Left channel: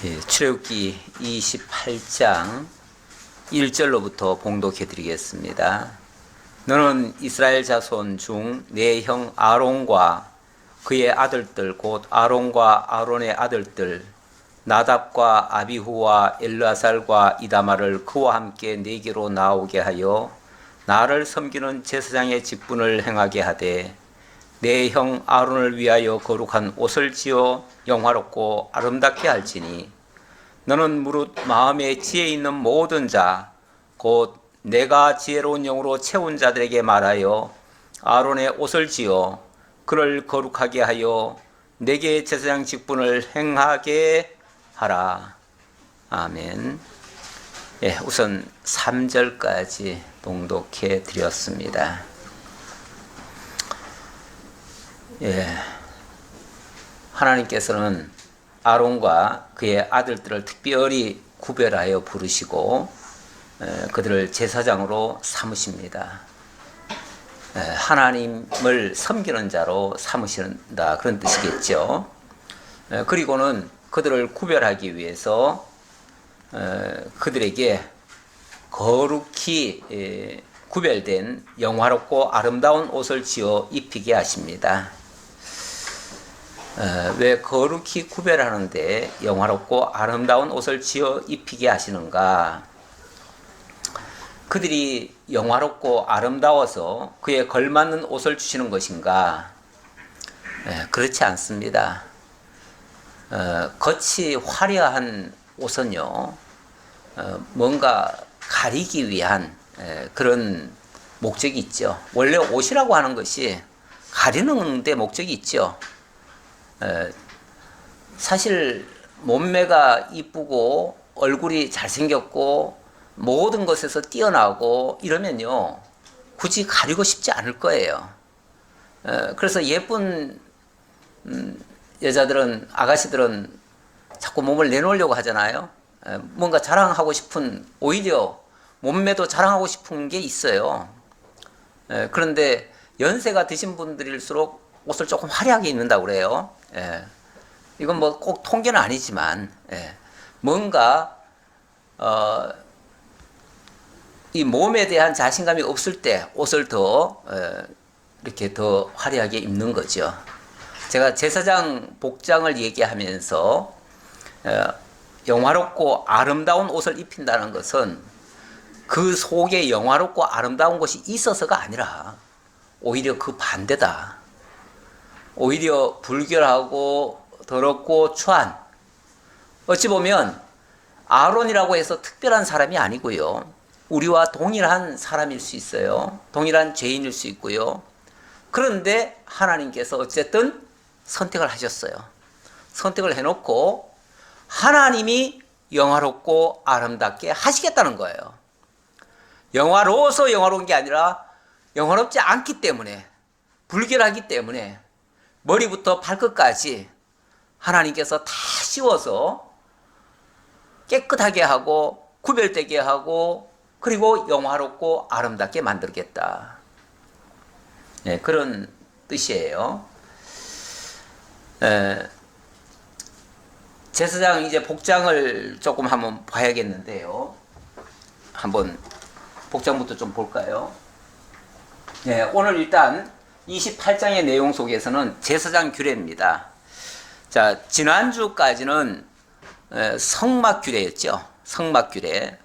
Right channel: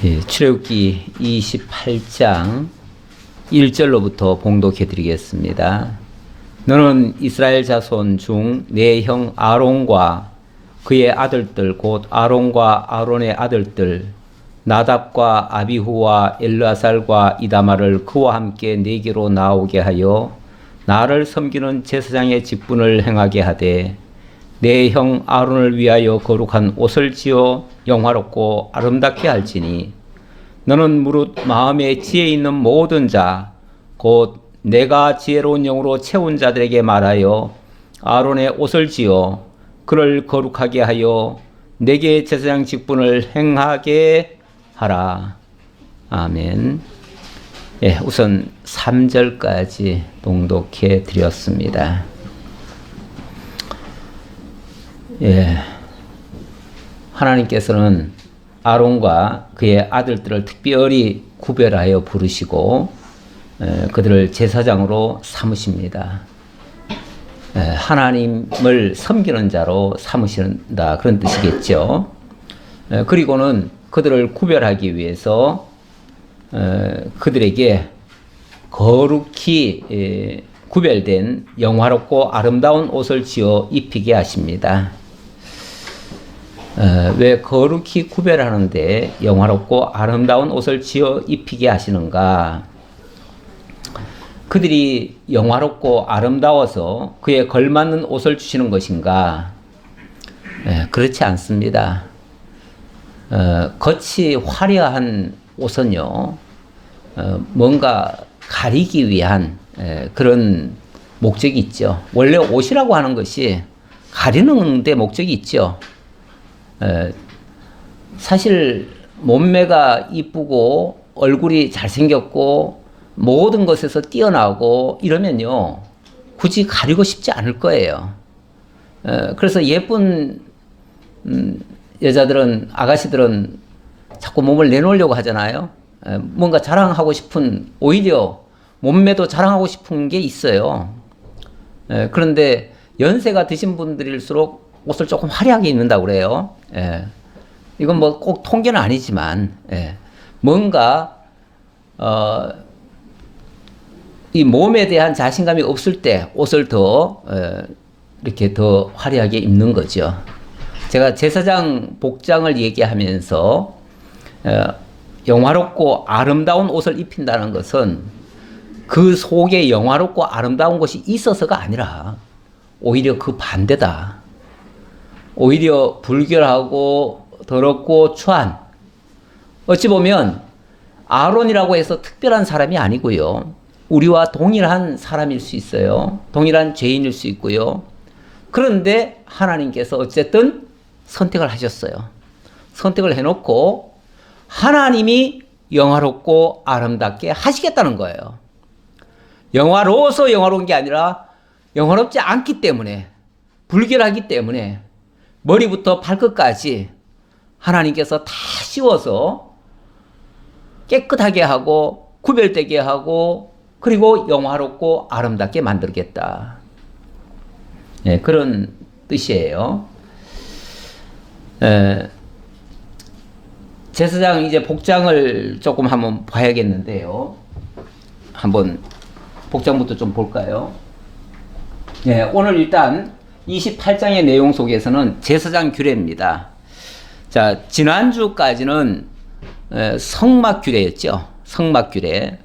출애굽기 28장 1절로부터 봉독해 드리겠습니다. 너는 이스라엘 자손 중 내 형 아론과 그의 아들들 곧 아론과 아론의 아들들 나답과 아비후와 엘르아살과 이다말을 그와 함께 내게로 나오게 하여 나를 섬기는 제사장의 직분을 행하게 하되 내 형 아론을 위하여 거룩한 옷을 지어 영화롭고 아름답게 할지니 너는 무릇 마음에 지혜 있는 모든 자 곧 내가 지혜로운 영으로 채운 자들에게 말하여 아론의 옷을 지어 그를 거룩하게 하여 내게 제사장 직분을 행하게 하라. 아멘. 우선 3절까지 봉독해 드렸습니다. 하나님께서는 아론과 그의 아들들을 특별히 구별하여 부르시고 그들을 제사장으로 삼으십니다. 하나님을 섬기는 자로 삼으신다 그런 뜻이겠죠. 그리고는 그들을 구별하기 위해서 그들에게 거룩히 구별된 영화롭고 아름다운 옷을 지어 입히게 하십니다. 왜 거룩히 구별하는데 영화롭고 아름다운 옷을 지어 입히게 하시는가? 그들이 영화롭고 아름다워서 그에 걸맞는 옷을 주시는 것인가? 그렇지 않습니다. 겉이 화려한 옷은요, 뭔가 가리기 위한 그런 목적이 있죠. 원래 옷이라고 하는 것이 가리는 데 목적이 있죠. 사실 몸매가 이쁘고 얼굴이 잘생겼고 모든 것에서 뛰어나고 이러면요 굳이 가리고 싶지 않을 거예요. 그래서 예쁜 여자들은, 아가씨들은 자꾸 몸을 내놓으려고 하잖아요. 뭔가 자랑하고 싶은, 오히려 몸매도 자랑하고 싶은 게 있어요. 그런데 연세가 드신 분들일수록 옷을 조금 화려하게 입는다고 그래요. 이건 뭐 꼭 통계는 아니지만, 뭔가, 이 몸에 대한 자신감이 없을 때 옷을 더, 이렇게 더 화려하게 입는 거죠. 제가 제사장 복장을 얘기하면서, 영화롭고 아름다운 옷을 입힌다는 것은 그 속에 영화롭고 아름다운 것이 있어서가 아니라 오히려 그 반대다. 오히려 불결하고 더럽고 추한, 어찌 보면 아론이라고 해서 특별한 사람이 아니고요, 우리와 동일한 사람일 수 있어요. 동일한 죄인일 수 있고요. 그런데 하나님께서 어쨌든 선택을 하셨어요. 선택을 해놓고 하나님이 영화롭고 아름답게 하시겠다는 거예요. 영화로워서 영화로운 게 아니라 영화롭지 않기 때문에, 불결하기 때문에 머리부터 발끝까지 하나님께서 다 씌워서 깨끗하게 하고 구별되게 하고 그리고 영화롭고 아름답게 만들겠다. 그런 뜻이에요. 제사장 이제 복장을 조금 한번 봐야겠는데요. 한번 복장부터 좀 볼까요? 오늘 일단 28장의 내용 속에서는 제사장 규례입니다. 자, 지난주까지는 성막 규례였죠. 성막 규례.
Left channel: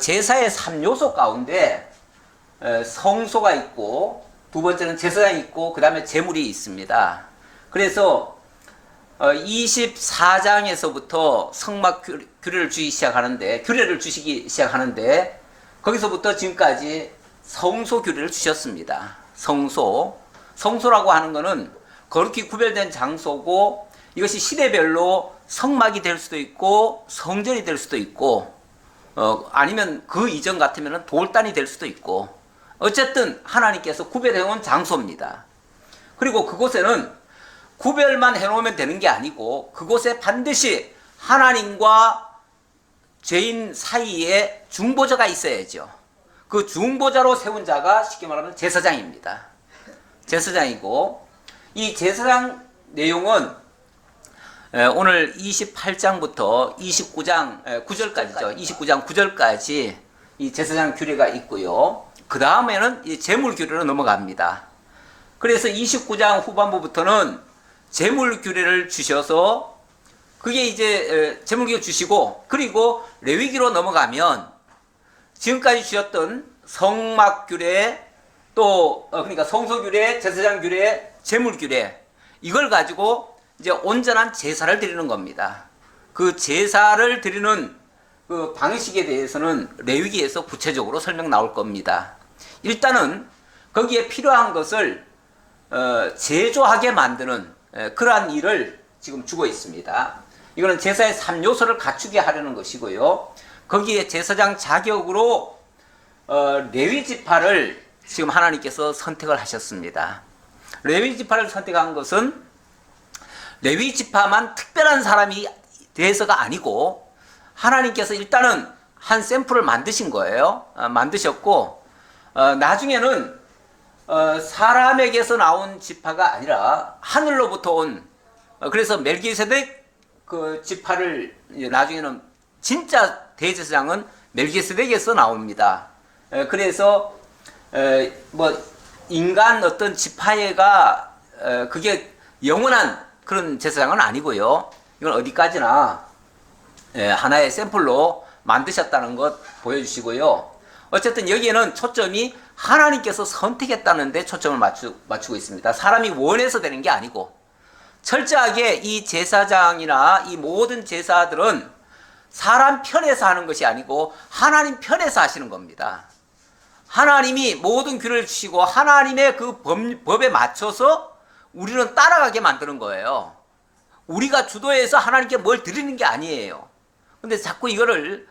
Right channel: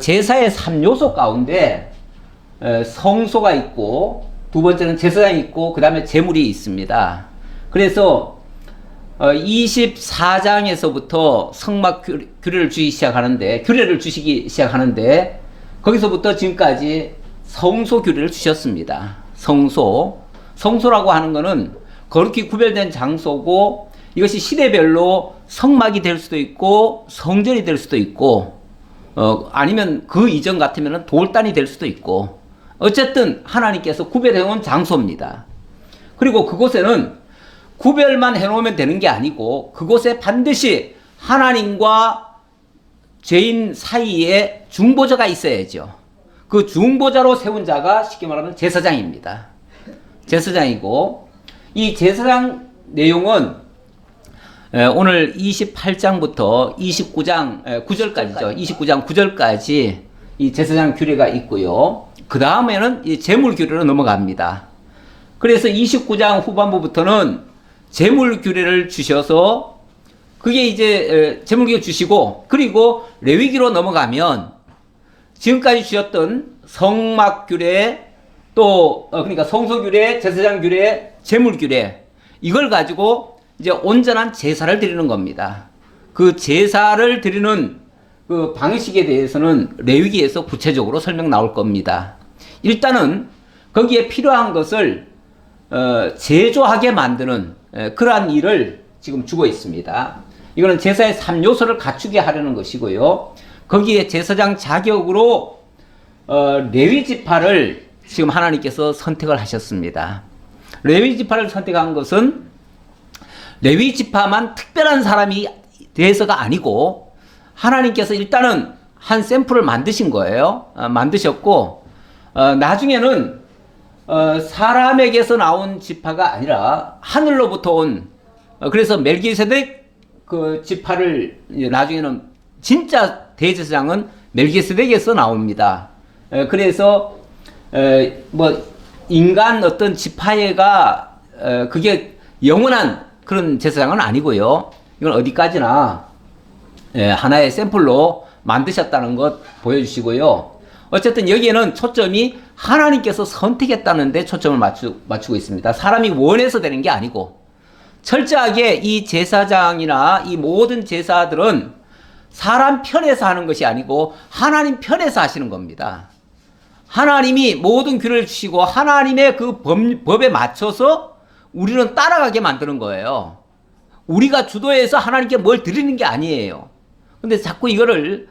제사의 3요소 가운데 성소가 있고, 두 번째는 제사장이 있고, 그 다음에 제물이 있습니다. 그래서 24장에서부터 성막 규례를 주시기 시작하는데 거기서부터 지금까지 성소 규례를 주셨습니다. 성소라고 하는 것은 거룩히 구별된 장소고, 이것이 시대별로 성막이 될 수도 있고 성전이 될 수도 있고, 아니면 그 이전 같으면 돌단이 될 수도 있고, 어쨌든 하나님께서 구별해온 장소입니다. 그리고 그곳에는 구별만 해놓으면 되는 게 아니고 그곳에 반드시 하나님과 죄인 사이에 중보자가 있어야죠. 그 중보자로 세운 자가 쉽게 말하면 제사장입니다. 제사장이고, 이 제사장 내용은 오늘 28장부터 29장 9절까지죠. 29장 9절까지 이 제사장 규례가 있고요. 그 다음에는 이 제물 규례로 넘어갑니다. 그래서 29장 후반부부터는 제물 규례를 주셔서 그게 이제 제물 규례 주시고, 그리고 레위기로 넘어가면 지금까지 주셨던 성막 규례, 또 그러니까 성소 규례, 제사장 규례, 제물 규례, 이걸 가지고 이제 온전한 제사를 드리는 겁니다. 그 제사를 드리는 그 방식에 대해서는 레위기에서 구체적으로 설명 나올 겁니다. 일단은 거기에 필요한 것을 제조하게 만드는 그러한 일을 지금 주고 있습니다. 이거는 제사의 3요소를 갖추게 하려는 것이고요. 거기에 제사장 자격으로 레위 지파를 지금 하나님께서 선택을 하셨습니다. 레위 지파를 선택한 것은 레위 지파만 특별한 사람이 돼서가 아니고, 하나님께서 일단은 한 샘플을 만드신 거예요. 만드셨고, 나중에는 사람에게서 나온 지파가 아니라 하늘로부터 온, 그래서 멜기세덱 그 지파를 나중에는 진짜 대제사장은 멜기세덱에서 나옵니다. 그래서 뭐 인간 어떤 지파애가 그게 영원한 그런 제사장은 아니고요. 이건 어디까지나 하나의 샘플로 만드셨다는 것 보여주시고요. 어쨌든 여기에는 초점이 하나님께서 선택했다는 데 초점을 맞추고 있습니다. 사람이 원해서 되는 게 아니고, 철저하게 이 제사장이나 이 모든 제사들은 사람 편에서 하는 것이 아니고 하나님 편에서 하시는 겁니다. 하나님이 모든 규례를 주시고 하나님의 그 법에 맞춰서 우리는 따라가게 만드는 거예요. 우리가 주도해서 하나님께 뭘 드리는 게 아니에요. 근데 자꾸 이거를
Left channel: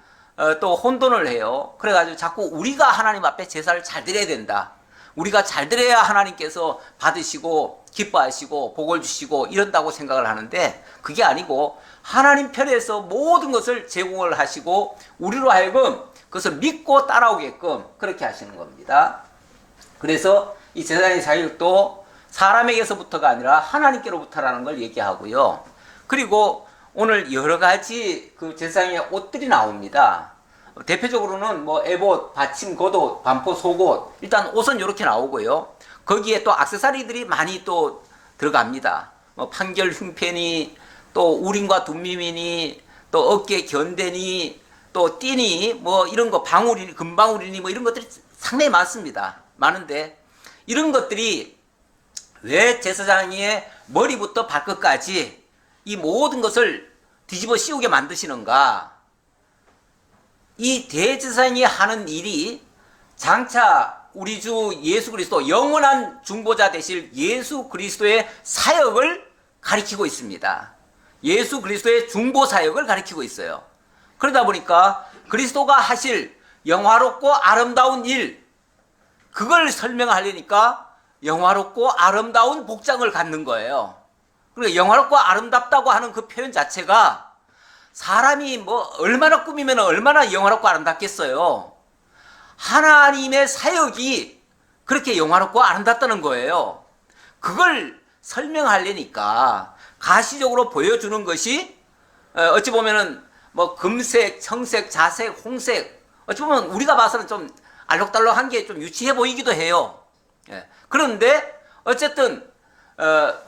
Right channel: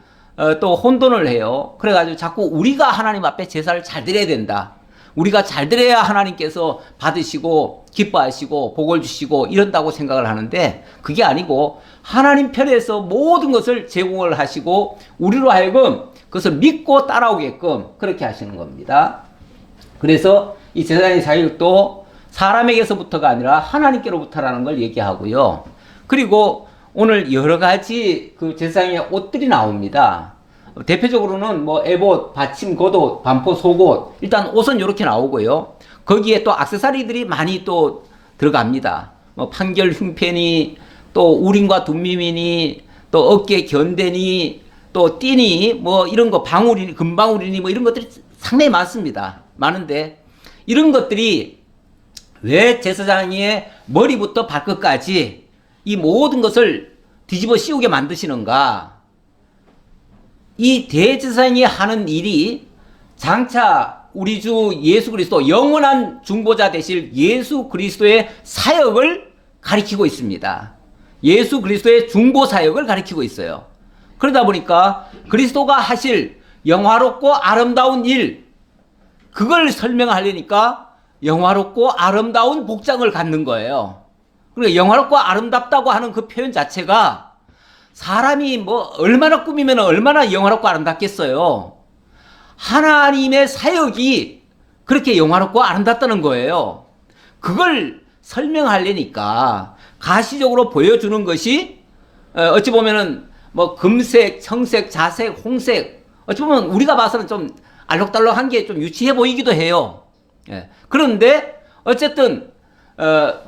또 혼돈을 해요. 그래가지고 자꾸 우리가 하나님 앞에 제사를 잘 드려야 된다. 우리가 잘 드려야 하나님께서 받으시고 기뻐하시고 복을 주시고 이런다고 생각을 하는데, 그게 아니고 하나님 편에서 모든 것을 제공을 하시고 우리로 하여금 그것을 믿고 따라오게끔 그렇게 하시는 겁니다. 그래서 이 제사장의 자격도 사람에게서부터가 아니라 하나님께로부터라는 걸 얘기하고요. 그리고 오늘 여러 가지 그 제사장의 옷들이 나옵니다. 대표적으로는 뭐 에봇, 받침, 겉옷, 반포, 속옷, 일단 옷은 이렇게 나오고요. 거기에 또 액세서리들이 많이 또 들어갑니다. 뭐 판결 흉패니, 또 우림과 둠밈이니, 또 어깨 견대니, 또 띠니, 뭐 이런 거, 방울이니, 금방울이니, 뭐 이런 것들이 상당히 많습니다. 많은데 이런 것들이 왜 제사장의 머리부터 발끝까지 이 모든 것을 뒤집어 씌우게 만드시는가? 이 대제사장이 하는 일이 장차 우리 주 예수 그리스도, 영원한 중보자 되실 예수 그리스도의 사역을 가리키고 있습니다. 예수 그리스도의 중보 사역을 가리키고 있어요. 그러다 보니까 그리스도가 하실 영화롭고 아름다운 일, 그걸 설명하려니까 영화롭고 아름다운 복장을 갖는 거예요. 그러니까 영화롭고 아름답다고 하는 그 표현 자체가 사람이 뭐 얼마나 꾸미면 얼마나 영화롭고 아름답겠어요. 하나님의 사역이 그렇게 영화롭고 아름답다는 거예요. 그걸 설명하려니까 가시적으로 보여주는 것이 어찌 보면은 뭐 금색, 청색, 자색, 홍색, 어찌 보면 우리가 봐서는 좀 알록달록한 게 좀 유치해 보이기도 해요. 그런데 어쨌든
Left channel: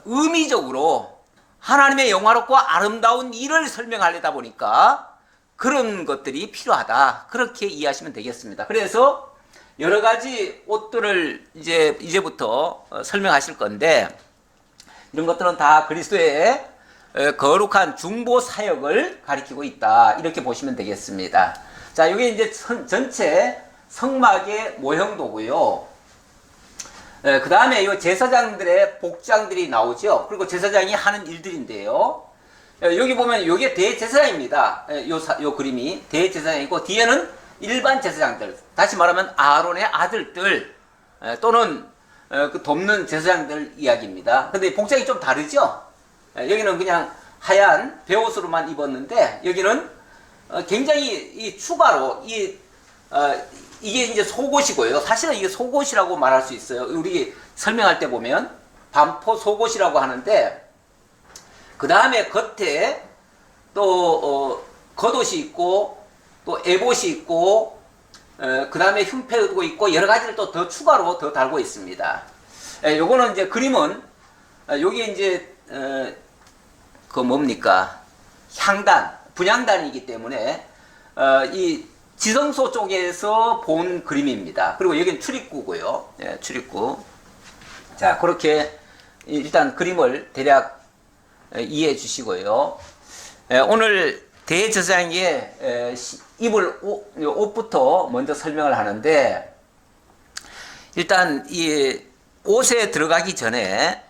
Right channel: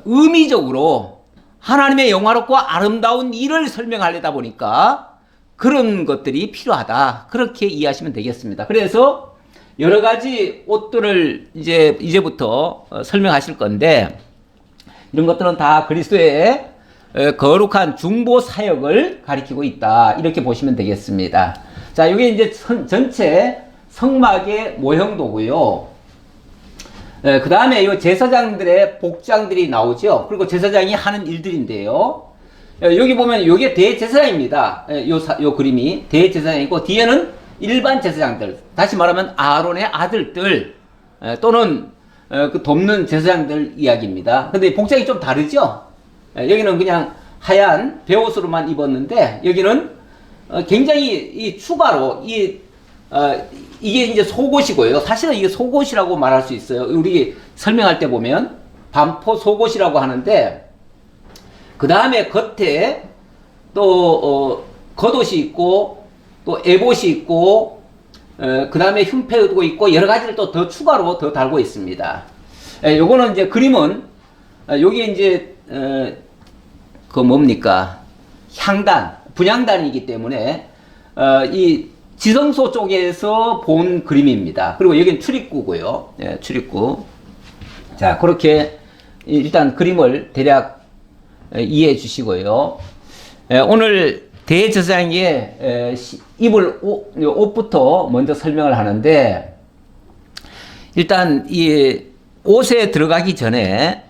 의미적으로 하나님의 영화롭고 아름다운 일을 설명하려다 보니까 그런 것들이 필요하다. 그렇게 이해하시면 되겠습니다. 그래서 여러 가지 옷들을 이제부터 설명하실 건데, 이런 것들은 다 그리스도의 거룩한 중보 사역을 가리키고 있다. 이렇게 보시면 되겠습니다. 자, 이게 이제 전체 성막의 모형도고요. 그 다음에 이 제사장들의 복장들이 나오죠. 그리고 제사장이 하는 일들인데요. 여기 보면 이게 대제사장입니다. 요 그림이 대제사장이고, 뒤에는 일반 제사장들, 다시 말하면 아론의 아들들 또는 그 돕는 제사장들 이야기입니다. 근데 복장이 좀 다르죠. 여기는 그냥 하얀 베옷으로만 입었는데, 여기는 굉장히 이 추가로 이게 이제 속옷이고요. 사실은 이게 속옷이라고 말할 수 있어요. 우리 설명할 때 보면 반포 속옷이라고 하는데, 그 다음에 겉에 또 겉옷이 있고 또 에봇이 있고 그 다음에 흉패도 있고 여러 가지를 또 더 추가로 더 달고 있습니다. 요거는 이제 그림은 요게 이제 그 뭡니까 향단 분향단이기 때문에 이 지성소 쪽에서 본 그림입니다. 그리고 여기는 출입구고요. 예, 출입구. 자, 그렇게 일단 그림을 대략 이해해 주시고요. 오늘 대제사장의 입을 옷부터 먼저 설명을 하는데, 일단 이 옷에 들어가기 전에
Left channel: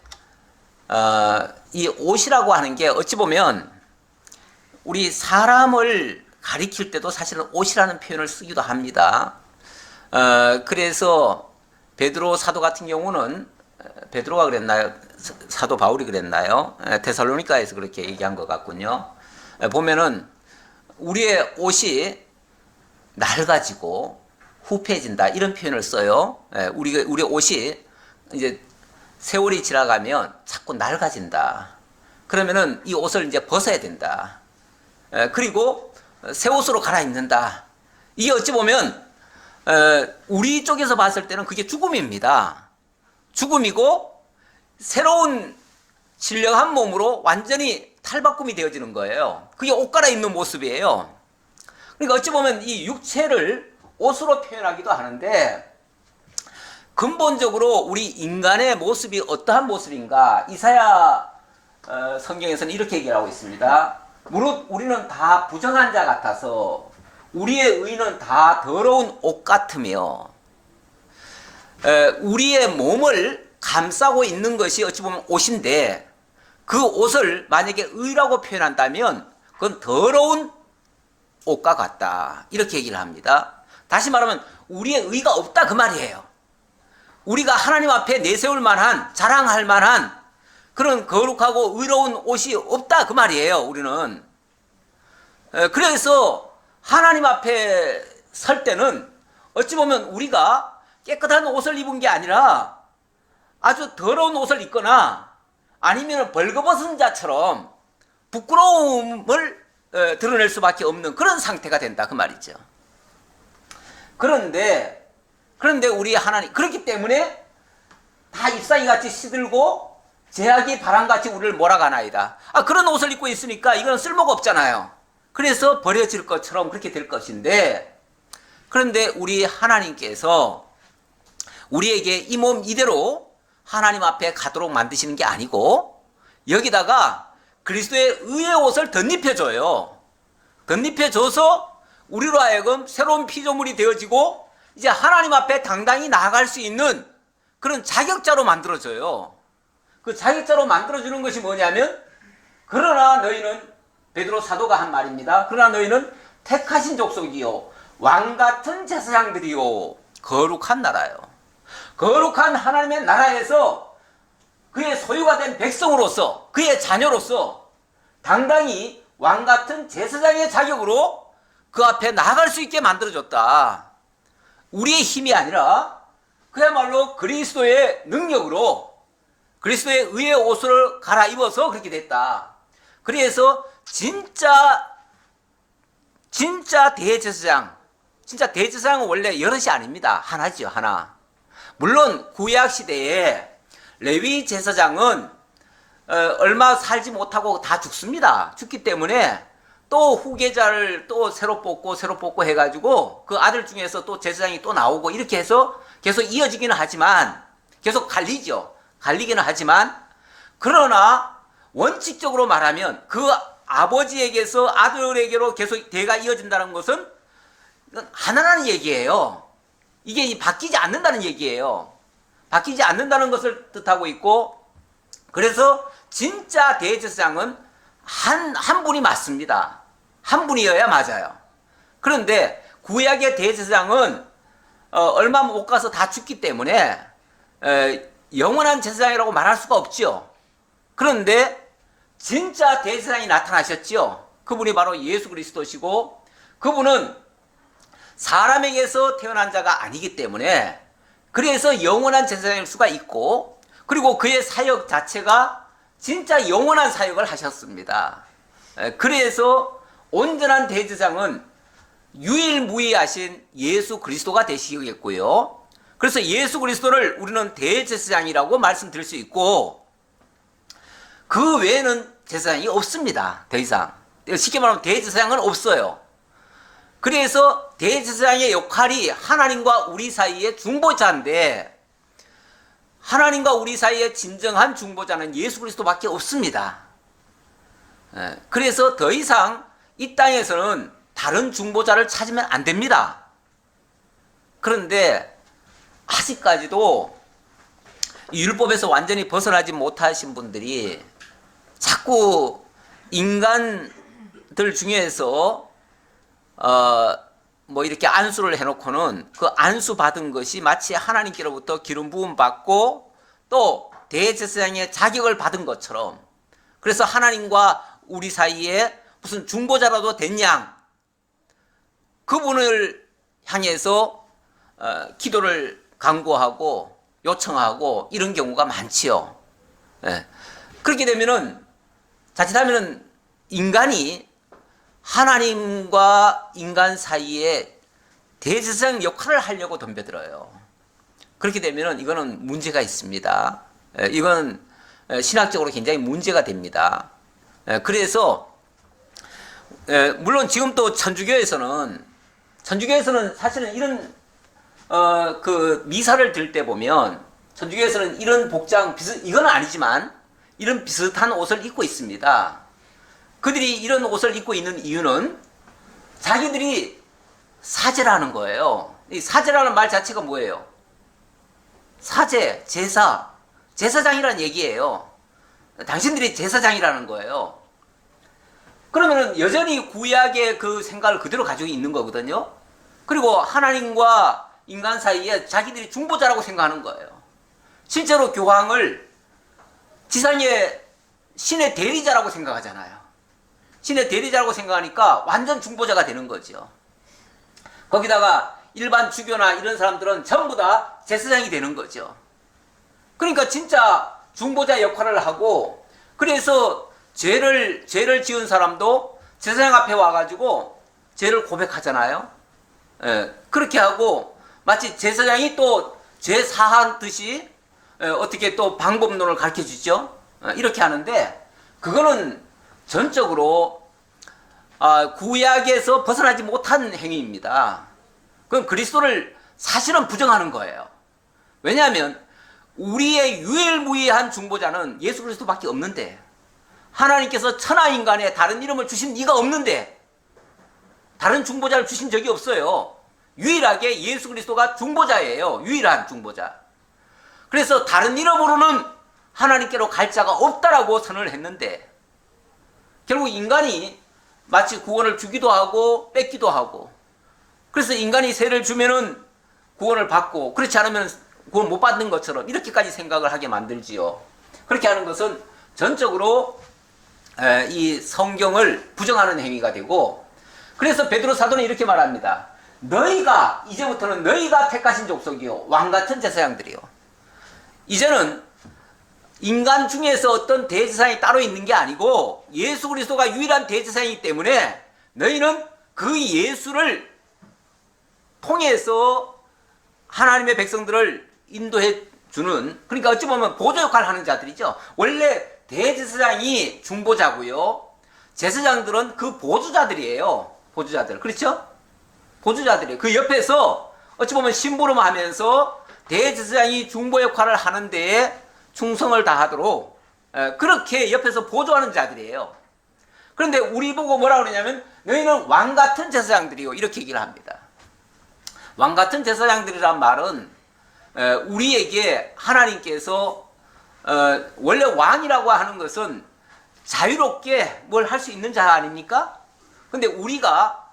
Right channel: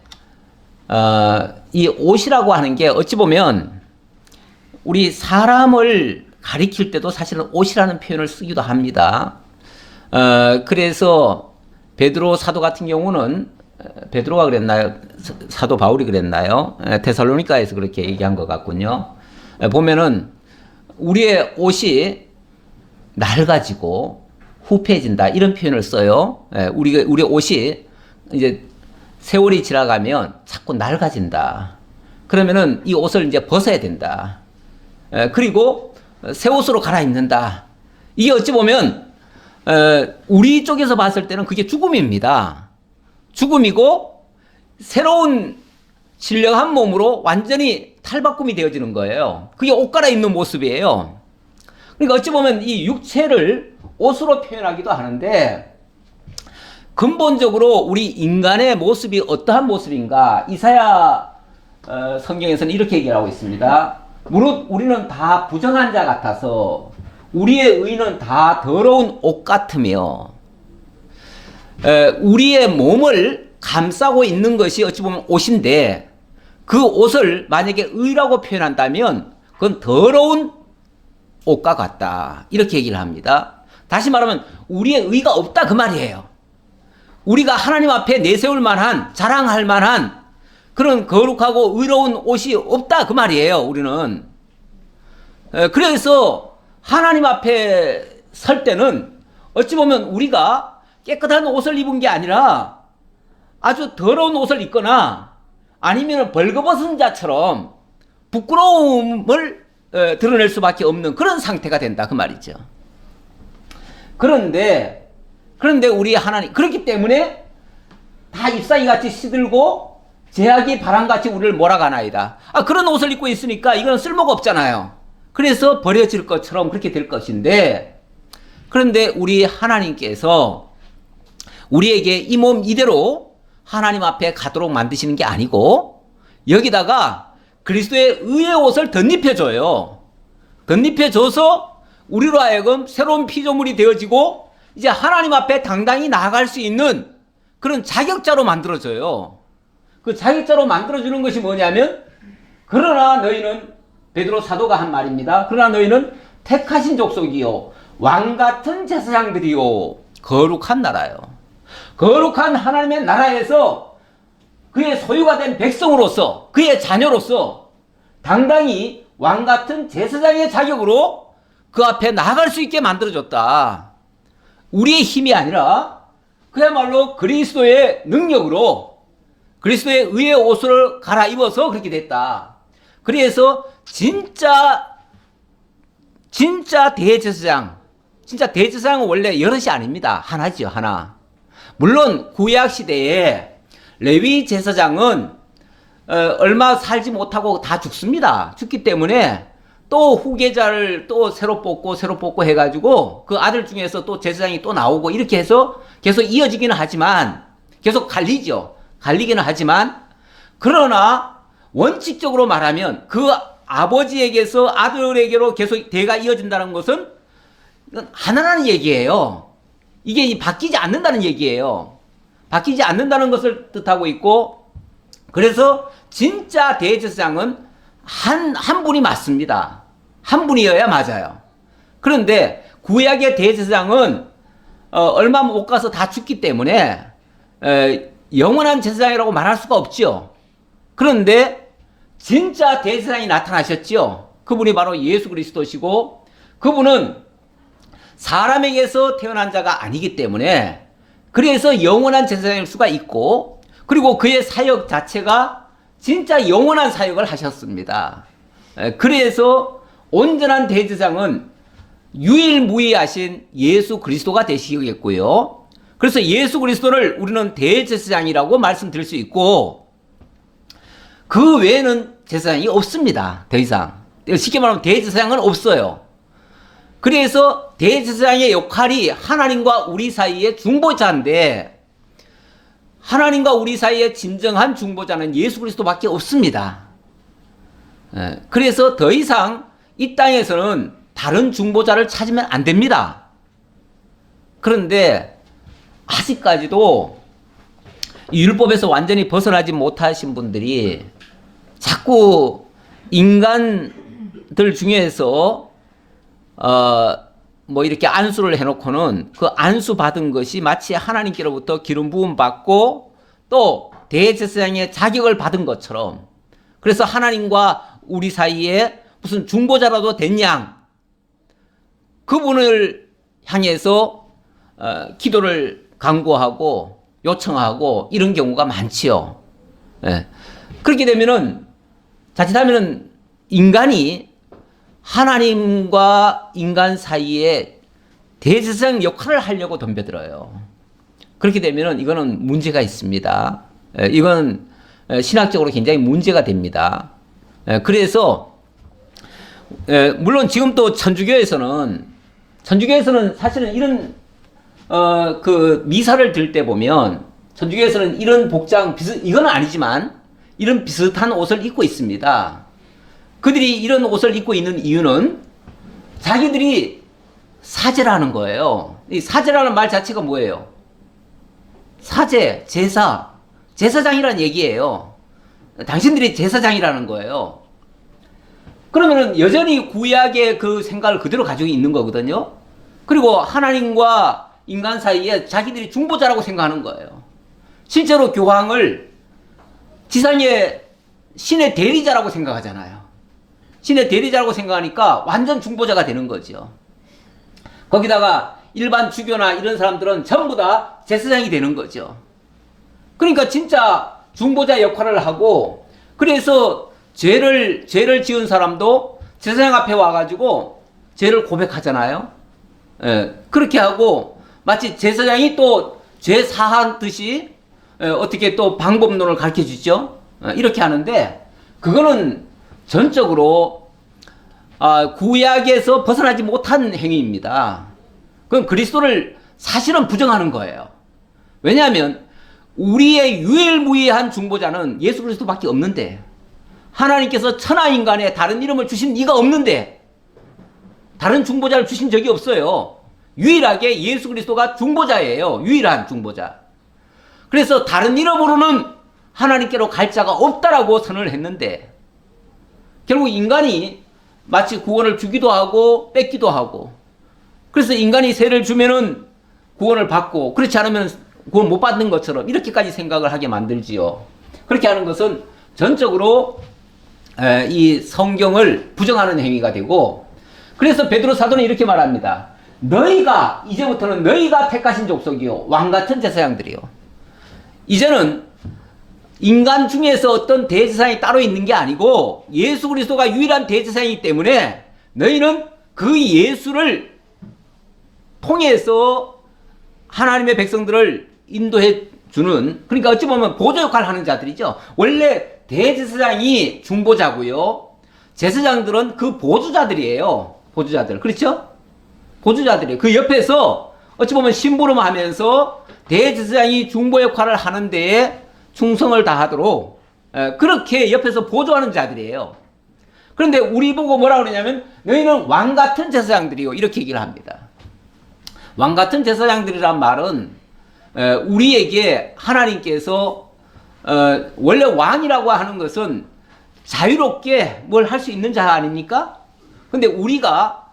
이 옷이라고 하는 게 어찌 보면 우리 사람을 가리킬 때도 사실은 옷이라는 표현을 쓰기도 합니다. 그래서 베드로 사도 같은 경우는 베드로가 그랬나요? 사도 바울이 그랬나요? 데살로니가에서 그렇게 얘기한 것 같군요. 보면은 우리의 옷이 낡아지고 후패해진다 이런 표현을 써요. 우리의 옷이 이제 세월이 지나가면 자꾸 낡아진다. 그러면은 이 옷을 이제 벗어야 된다. 그리고 새 옷으로 갈아입는다. 이게 어찌 보면 우리 쪽에서 봤을 때는 그게 죽음입니다. 죽음이고 새로운 신령한 몸으로 완전히 탈바꿈이 되어지는 거예요. 그게 옷 갈아입는 모습이에요. 그러니까 어찌 보면 이 육체를 옷으로 표현하기도 하는데, 근본적으로 우리 인간의 모습이 어떠한 모습인가? 이사야 성경에서는 이렇게 얘기를 하고 있습니다. 무릇 우리는 다 부정한 자 같아서 우리의 의는 다 더러운 옷 같으며, 우리의 몸을 감싸고 있는 것이 어찌 보면 옷인데, 그 옷을 만약에 의라고 표현한다면 그건 더러운 옷과 같다 이렇게 얘기를 합니다. 다시 말하면 우리의 의가 없다 그 말이에요. 우리가 하나님 앞에 내세울 만한, 자랑할 만한 그런 거룩하고 의로운 옷이 없다 그 말이에요. 우리는. 그래서 하나님 앞에 설 때는 어찌 보면 우리가 깨끗한 옷을 입은 게 아니라 아주 더러운 옷을 입거나 아니면 벌거벗은 자처럼 부끄러움을 드러낼 수밖에 없는 그런 상태가 된다 그 말이죠. 그런데 우리 하나님, 그렇기 때문에 다 잎사귀 같이 시들고 제약이 바람같이 우리를 몰아가나이다. 그런 옷을 입고 있으니까 이건 쓸모가 없잖아요. 그래서 버려질 것처럼 그렇게 될 것인데, 그런데 우리 하나님께서 우리에게 이 몸 이대로 하나님 앞에 가도록 만드시는 게 아니고 여기다가 그리스도의 의의 옷을 덧입혀줘요. 덧입혀줘서 우리로 하여금 새로운 피조물이 되어지고 이제 하나님 앞에 당당히 나아갈 수 있는 그런 자격자로 만들어줘요. 그 자격자로 만들어주는 것이 뭐냐면, 그러나 너희는, 베드로 사도가 한 말입니다. 그러나 너희는 택하신 족속이요 왕같은 제사장들이요 거룩한 나라요. 거룩한 하나님의 나라에서 그의 소유가 된 백성으로서, 그의 자녀로서 당당히 왕같은 제사장의 자격으로 그 앞에 나아갈 수 있게 만들어줬다. 우리의 힘이 아니라 그야말로 그리스도의 능력으로 그리스도의 의의 옷을 갈아입어서 그렇게 됐다. 그래서 진짜 대제사장, 진짜 대제사장은 원래 여럿이 아닙니다. 하나죠, 하나. 물론 구약 시대에 레위 제사장은 얼마 살지 못하고 다 죽습니다. 죽기 때문에 또 후계자를 또 새로 뽑고 해가지고 그 아들 중에서 또 제사장이 또 나오고 이렇게 해서 계속 이어지기는 하지만, 계속 갈리기는 하지만, 그러나 원칙적으로 말하면 그 아버지에게서 아들에게로 계속 대가 이어진다는 것은 하나라는 얘기예요. 이게 바뀌지 않는다는 얘기예요. 바뀌지 않는다는 것을 뜻하고 있고, 그래서 진짜 대제사장은 한 분이 맞습니다. 한 분이어야 맞아요. 그런데 구약의 대제사장은 얼마 못 가서 다 죽기 때문에 영원한 제사장이라고 말할 수가 없죠. 그런데 진짜 대제사장이 나타나셨죠. 그분이 바로 예수 그리스도시고, 그분은 사람에게서 태어난 자가 아니기 때문에 그래서 영원한 제사장일 수가 있고, 그리고 그의 사역 자체가 진짜 영원한 사역을 하셨습니다. 그래서 온전한 대제사장은 유일무이하신 예수 그리스도가 되시겠고요. 그래서 예수 그리스도를 우리는 대제사장이라고 말씀드릴 수 있고, 그 외에는 제사장이 없습니다. 더 이상. 쉽게 말하면 대제사장은 없어요. 그래서 대제사장의 역할이 하나님과 우리 사이의 중보자인데, 하나님과 우리 사이의 진정한 중보자는 예수 그리스도밖에 없습니다. 그래서 더 이상 이 땅에서는 다른 중보자를 찾으면 안 됩니다. 그런데 아직까지도 율법에서 완전히 벗어나지 못하신 분들이 자꾸 인간들 중에서 뭐 이렇게 안수를 해놓고는 그 안수 받은 것이 마치 하나님께로부터 기름 부음 받고 또 대제사장의 자격을 받은 것처럼, 그래서 하나님과 우리 사이에 무슨 중보자라도 된 양, 그분을 향해서 기도를 간구하고 요청하고 이런 경우가 많지요. 그렇게 되면은 자칫하면은 인간이 하나님과 인간 사이에 대제사장 역할을 하려고 덤벼들어요. 그렇게 되면은 이거는 문제가 있습니다. 이건 신학적으로 굉장히 문제가 됩니다. 그래서 물론 지금 또 천주교에서는 사실은 이런 그 미사를 드릴 때 보면 천주교에서는 이런 복장 이건 아니지만 이런 비슷한 옷을 입고 있습니다. 그들이 이런 옷을 입고 있는 이유는 자기들이 사제라는 거예요. 이 사제라는 말 자체가 뭐예요? 사제, 제사장이라는 얘기예요. 당신들이 제사장이라는 거예요. 그러면은 여전히 구약의 그 생각을 그대로 가지고 있는 거거든요. 그리고 하나님과 인간 사이에 자기들이 중보자라고 생각하는 거예요. 실제로 교황을 지상의 신의 대리자라고 생각하잖아요. 신의 대리자라고 생각하니까 완전 중보자가 되는 거죠. 거기다가 일반 주교나 이런 사람들은 전부 다 제사장이 되는 거죠. 그러니까 진짜 중보자 역할을 하고, 그래서 죄를 지은 사람도 제사장 앞에 와가지고 죄를 고백하잖아요. 그렇게 하고 마치 제사장이 또 죄 사하듯이 어떻게 또 방법론을 가르쳐 주죠. 이렇게 하는데 그거는 전적으로 구약에서 벗어나지 못한 행위입니다. 그건 그리스도를 사실은 부정하는 거예요. 왜냐하면 우리의 유일무이한 중보자는 예수 그리스도밖에 없는데, 하나님께서 천하인간에 다른 이름을 주신 이가 없는데 다른 중보자를 주신 적이 없어요. 유일하게 예수 그리스도가 중보자예요. 유일한 중보자. 그래서 다른 이름으로는 하나님께로 갈 자가 없다라고 선언을 했는데, 결국 인간이 마치 구원을 주기도 하고 뺏기도 하고, 그래서 인간이 세를 주면은 구원을 받고 그렇지 않으면 구원 못 받는 것처럼 이렇게까지 생각을 하게 만들지요. 그렇게 하는 것은 전적으로 이 성경을 부정하는 행위가 되고, 그래서 베드로 사도는 이렇게 말합니다. 이제부터는 너희가 택하신 족속이요 왕같은 제사장들이요. 이제는 인간 중에서 어떤 대제사장이 따로 있는 게 아니고 예수 그리스도가 유일한 대제사장이기 때문에 너희는 그 예수를 통해서 하나님의 백성들을 인도해 주는, 그러니까 어찌 보면 보조 역할을 하는 자들이죠. 원래 대제사장이 중보자고요. 제사장들은 그 보조자들이에요. 보조자들. 그렇죠? 보조자들이에요. 그 옆에서 어찌 보면 심부름하면서 대제사장이 중보 역할을 하는 데에 충성을 다하도록 그렇게 옆에서 보조하는 자들이에요. 그런데 우리 보고 뭐라 그러냐면 너희는 왕같은 제사장들이요 이렇게 얘기를 합니다. 왕같은 제사장들이란 말은 우리에게 하나님께서 원래 왕이라고 하는 것은 자유롭게 뭘 할 수 있는 자 아닙니까? 근데 우리가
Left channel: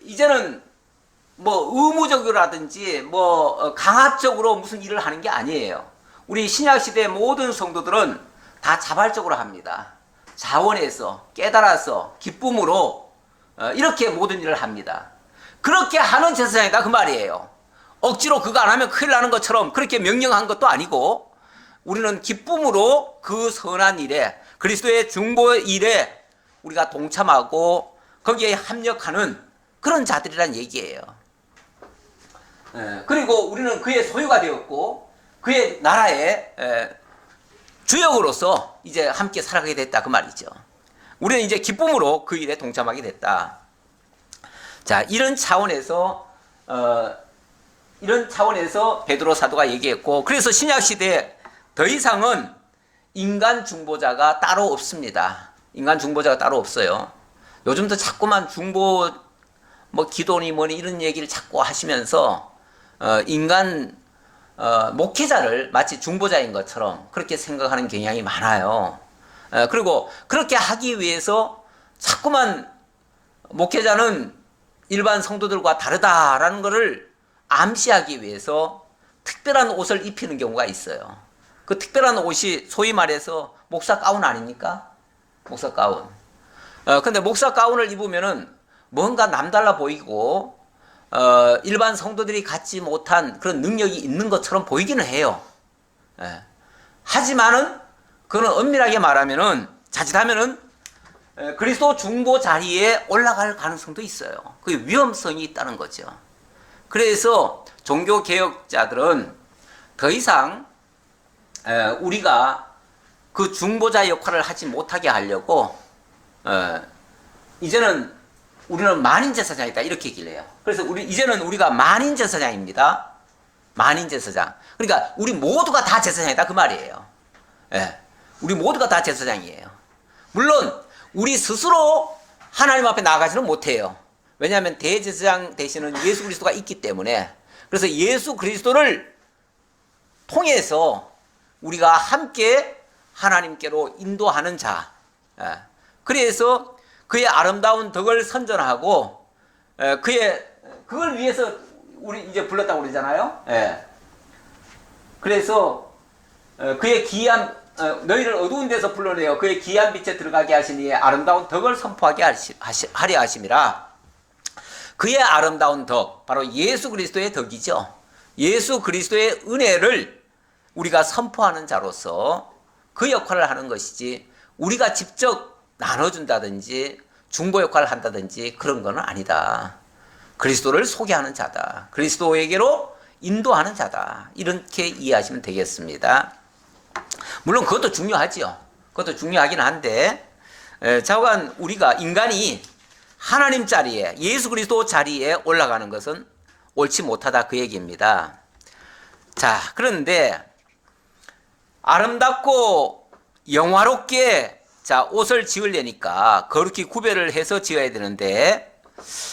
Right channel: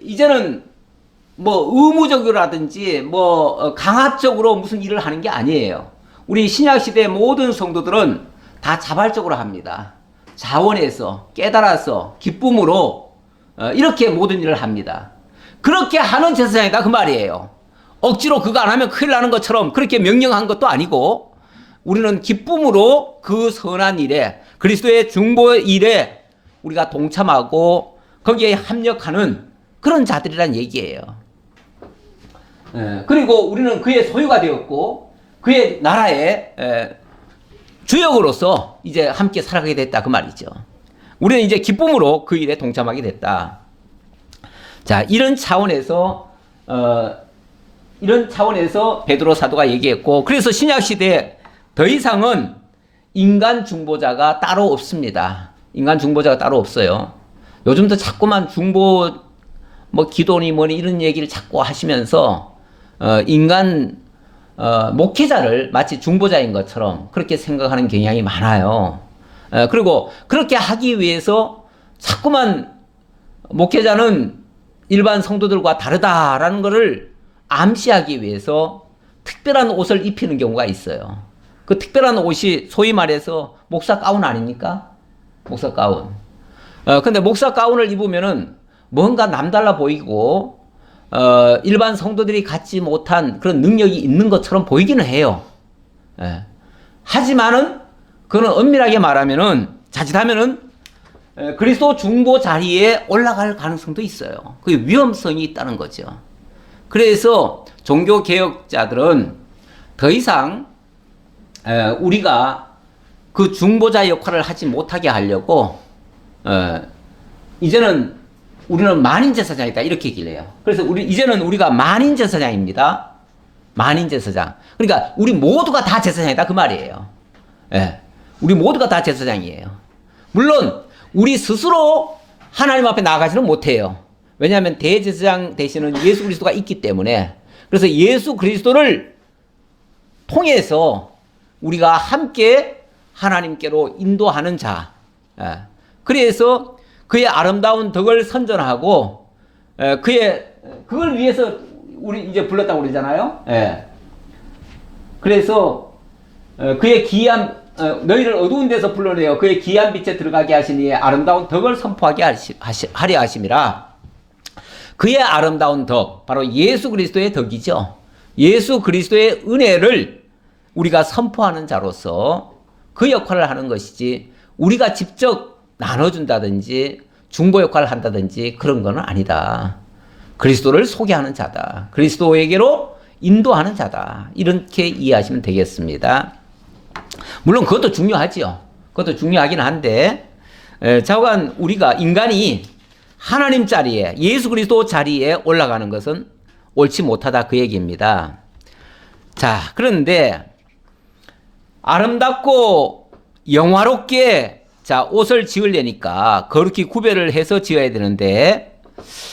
이제는 뭐 의무적으로라든지 뭐 강압적으로 무슨 일을 하는 게 아니에요. 우리 신약시대의 모든 성도들은 다 자발적으로 합니다. 자원해서 깨달아서 기쁨으로 이렇게 모든 일을 합니다. 그렇게 하는 제사장이다 그 말이에요. 억지로 그거 안 하면 큰일 나는 것처럼 그렇게 명령한 것도 아니고, 우리는 기쁨으로 그 선한 일에, 그리스도의 중보 일에 우리가 동참하고 거기에 합력하는 그런 자들이란 얘기예요. 그리고 우리는 그의 소유가 되었고 그의 나라의 주역으로서 이제 함께 살아가게 됐다 그 말이죠. 우리는 이제 기쁨으로 그 일에 동참하게 됐다. 자, 이런 차원에서 베드로 사도가 얘기했고, 그래서 신약 시대에 더 이상은 인간 중보자가 따로 없습니다. 인간 중보자가 따로 없어요. 요즘도 자꾸만 중보 뭐 기도니 뭐니 이런 얘기를 자꾸 하시면서 인간 목회자를 마치 중보자인 것처럼 그렇게 생각하는 경향이 많아요. 그리고 그렇게 하기 위해서 자꾸만 목회자는 일반 성도들과 다르다라는 것을 암시하기 위해서 특별한 옷을 입히는 경우가 있어요. 그 특별한 옷이 소위 말해서 목사 가운 아닙니까? 목사 가운. 근데 목사 가운을 입으면은 뭔가 남달라 보이고 일반 성도들이 갖지 못한 그런 능력이 있는 것처럼 보이기는 해요. 하지만은 그는 엄밀하게 말하면은 자칫하면은 그리스도 중보 자리에 올라갈 가능성도 있어요. 그 위험성이 있다는 거죠. 그래서 종교 개혁자들은 더 이상 우리가 그 중보자 역할을 하지 못하게 하려고 이제는 우리는 만인제사장이다 이렇게 얘기를 해요. 그래서 이제는 우리가 만인제사장입니다. 만인제사장. 그러니까 우리 모두가 다 제사장이다 그 말이에요. 우리 모두가 다 제사장이에요. 물론 우리 스스로 하나님 앞에 나가지는 못해요. 왜냐하면 대제사장 되시는 예수 그리스도가 있기 때문에. 그래서 예수 그리스도를 통해서 우리가 함께 하나님께로 인도하는 자. 그래서 그의 아름다운 덕을 선전하고 그걸 위해서 우리 이제 불렀다고 그러잖아요. 그래서 그의 기이한 너희를 어두운 데서 불러내어 그의 기이한 빛에 들어가게 하시니 아름다운 덕을 선포하게 하려 하심이라. 그의 아름다운 덕, 바로 예수 그리스도의 덕이죠. 예수 그리스도의 은혜를 우리가 선포하는 자로서 그 역할을 하는 것이지, 우리가 직접 나눠준다든지 중보 역할을 한다든지 그런 건 아니다. 그리스도를 소개하는 자다. 그리스도에게로 인도하는 자다. 이렇게 이해하시면 되겠습니다. 물론 그것도 중요하지요. 그것도 중요하긴 한데, 자관 우리가 인간이 하나님 자리에, 예수 그리스도 자리에 올라가는 것은 옳지 못하다 그 얘기입니다. 자, 그런데 아름답고 영화롭게 옷을 지으려니까 거룩히 구별을 해서 지어야 되는데,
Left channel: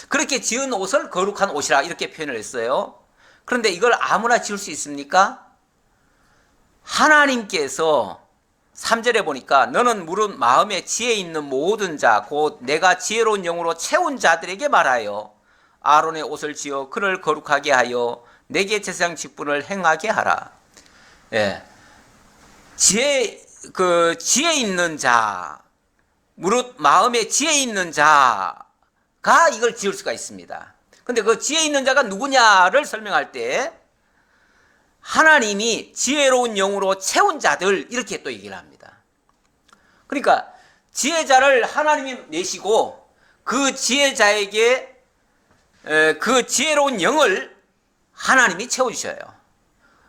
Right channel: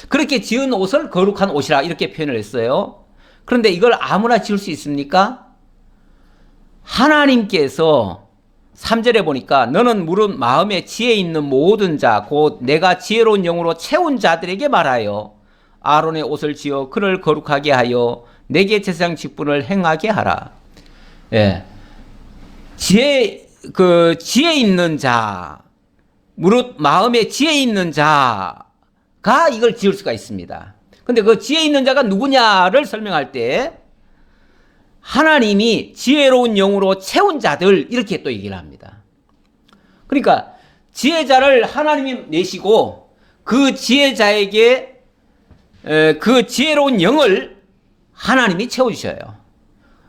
그렇게 지은 옷을 거룩한 옷이라 이렇게 표현을 했어요. 그런데 이걸 아무나 지을 수 있습니까? 하나님께서 3절에 보니까 너는 무릇 마음에 지혜 있는 모든 자 곧 내가 지혜로운 영으로 채운 자들에게 말하여 아론의 옷을 지어 그를 거룩하게 하여 내게 제사장 직분을 행하게 하라. 지혜 있는 자, 무릇 마음에 지혜 있는 자가 이걸 지을 수가 있습니다. 근데 그 지혜 있는 자가 누구냐를 설명할 때 하나님이 지혜로운 영으로 채운 자들 이렇게 또 얘기를 합니다. 그러니까 지혜자를 하나님이 내시고 그 지혜자에게 그 지혜로운 영을 하나님이 채워주셔요.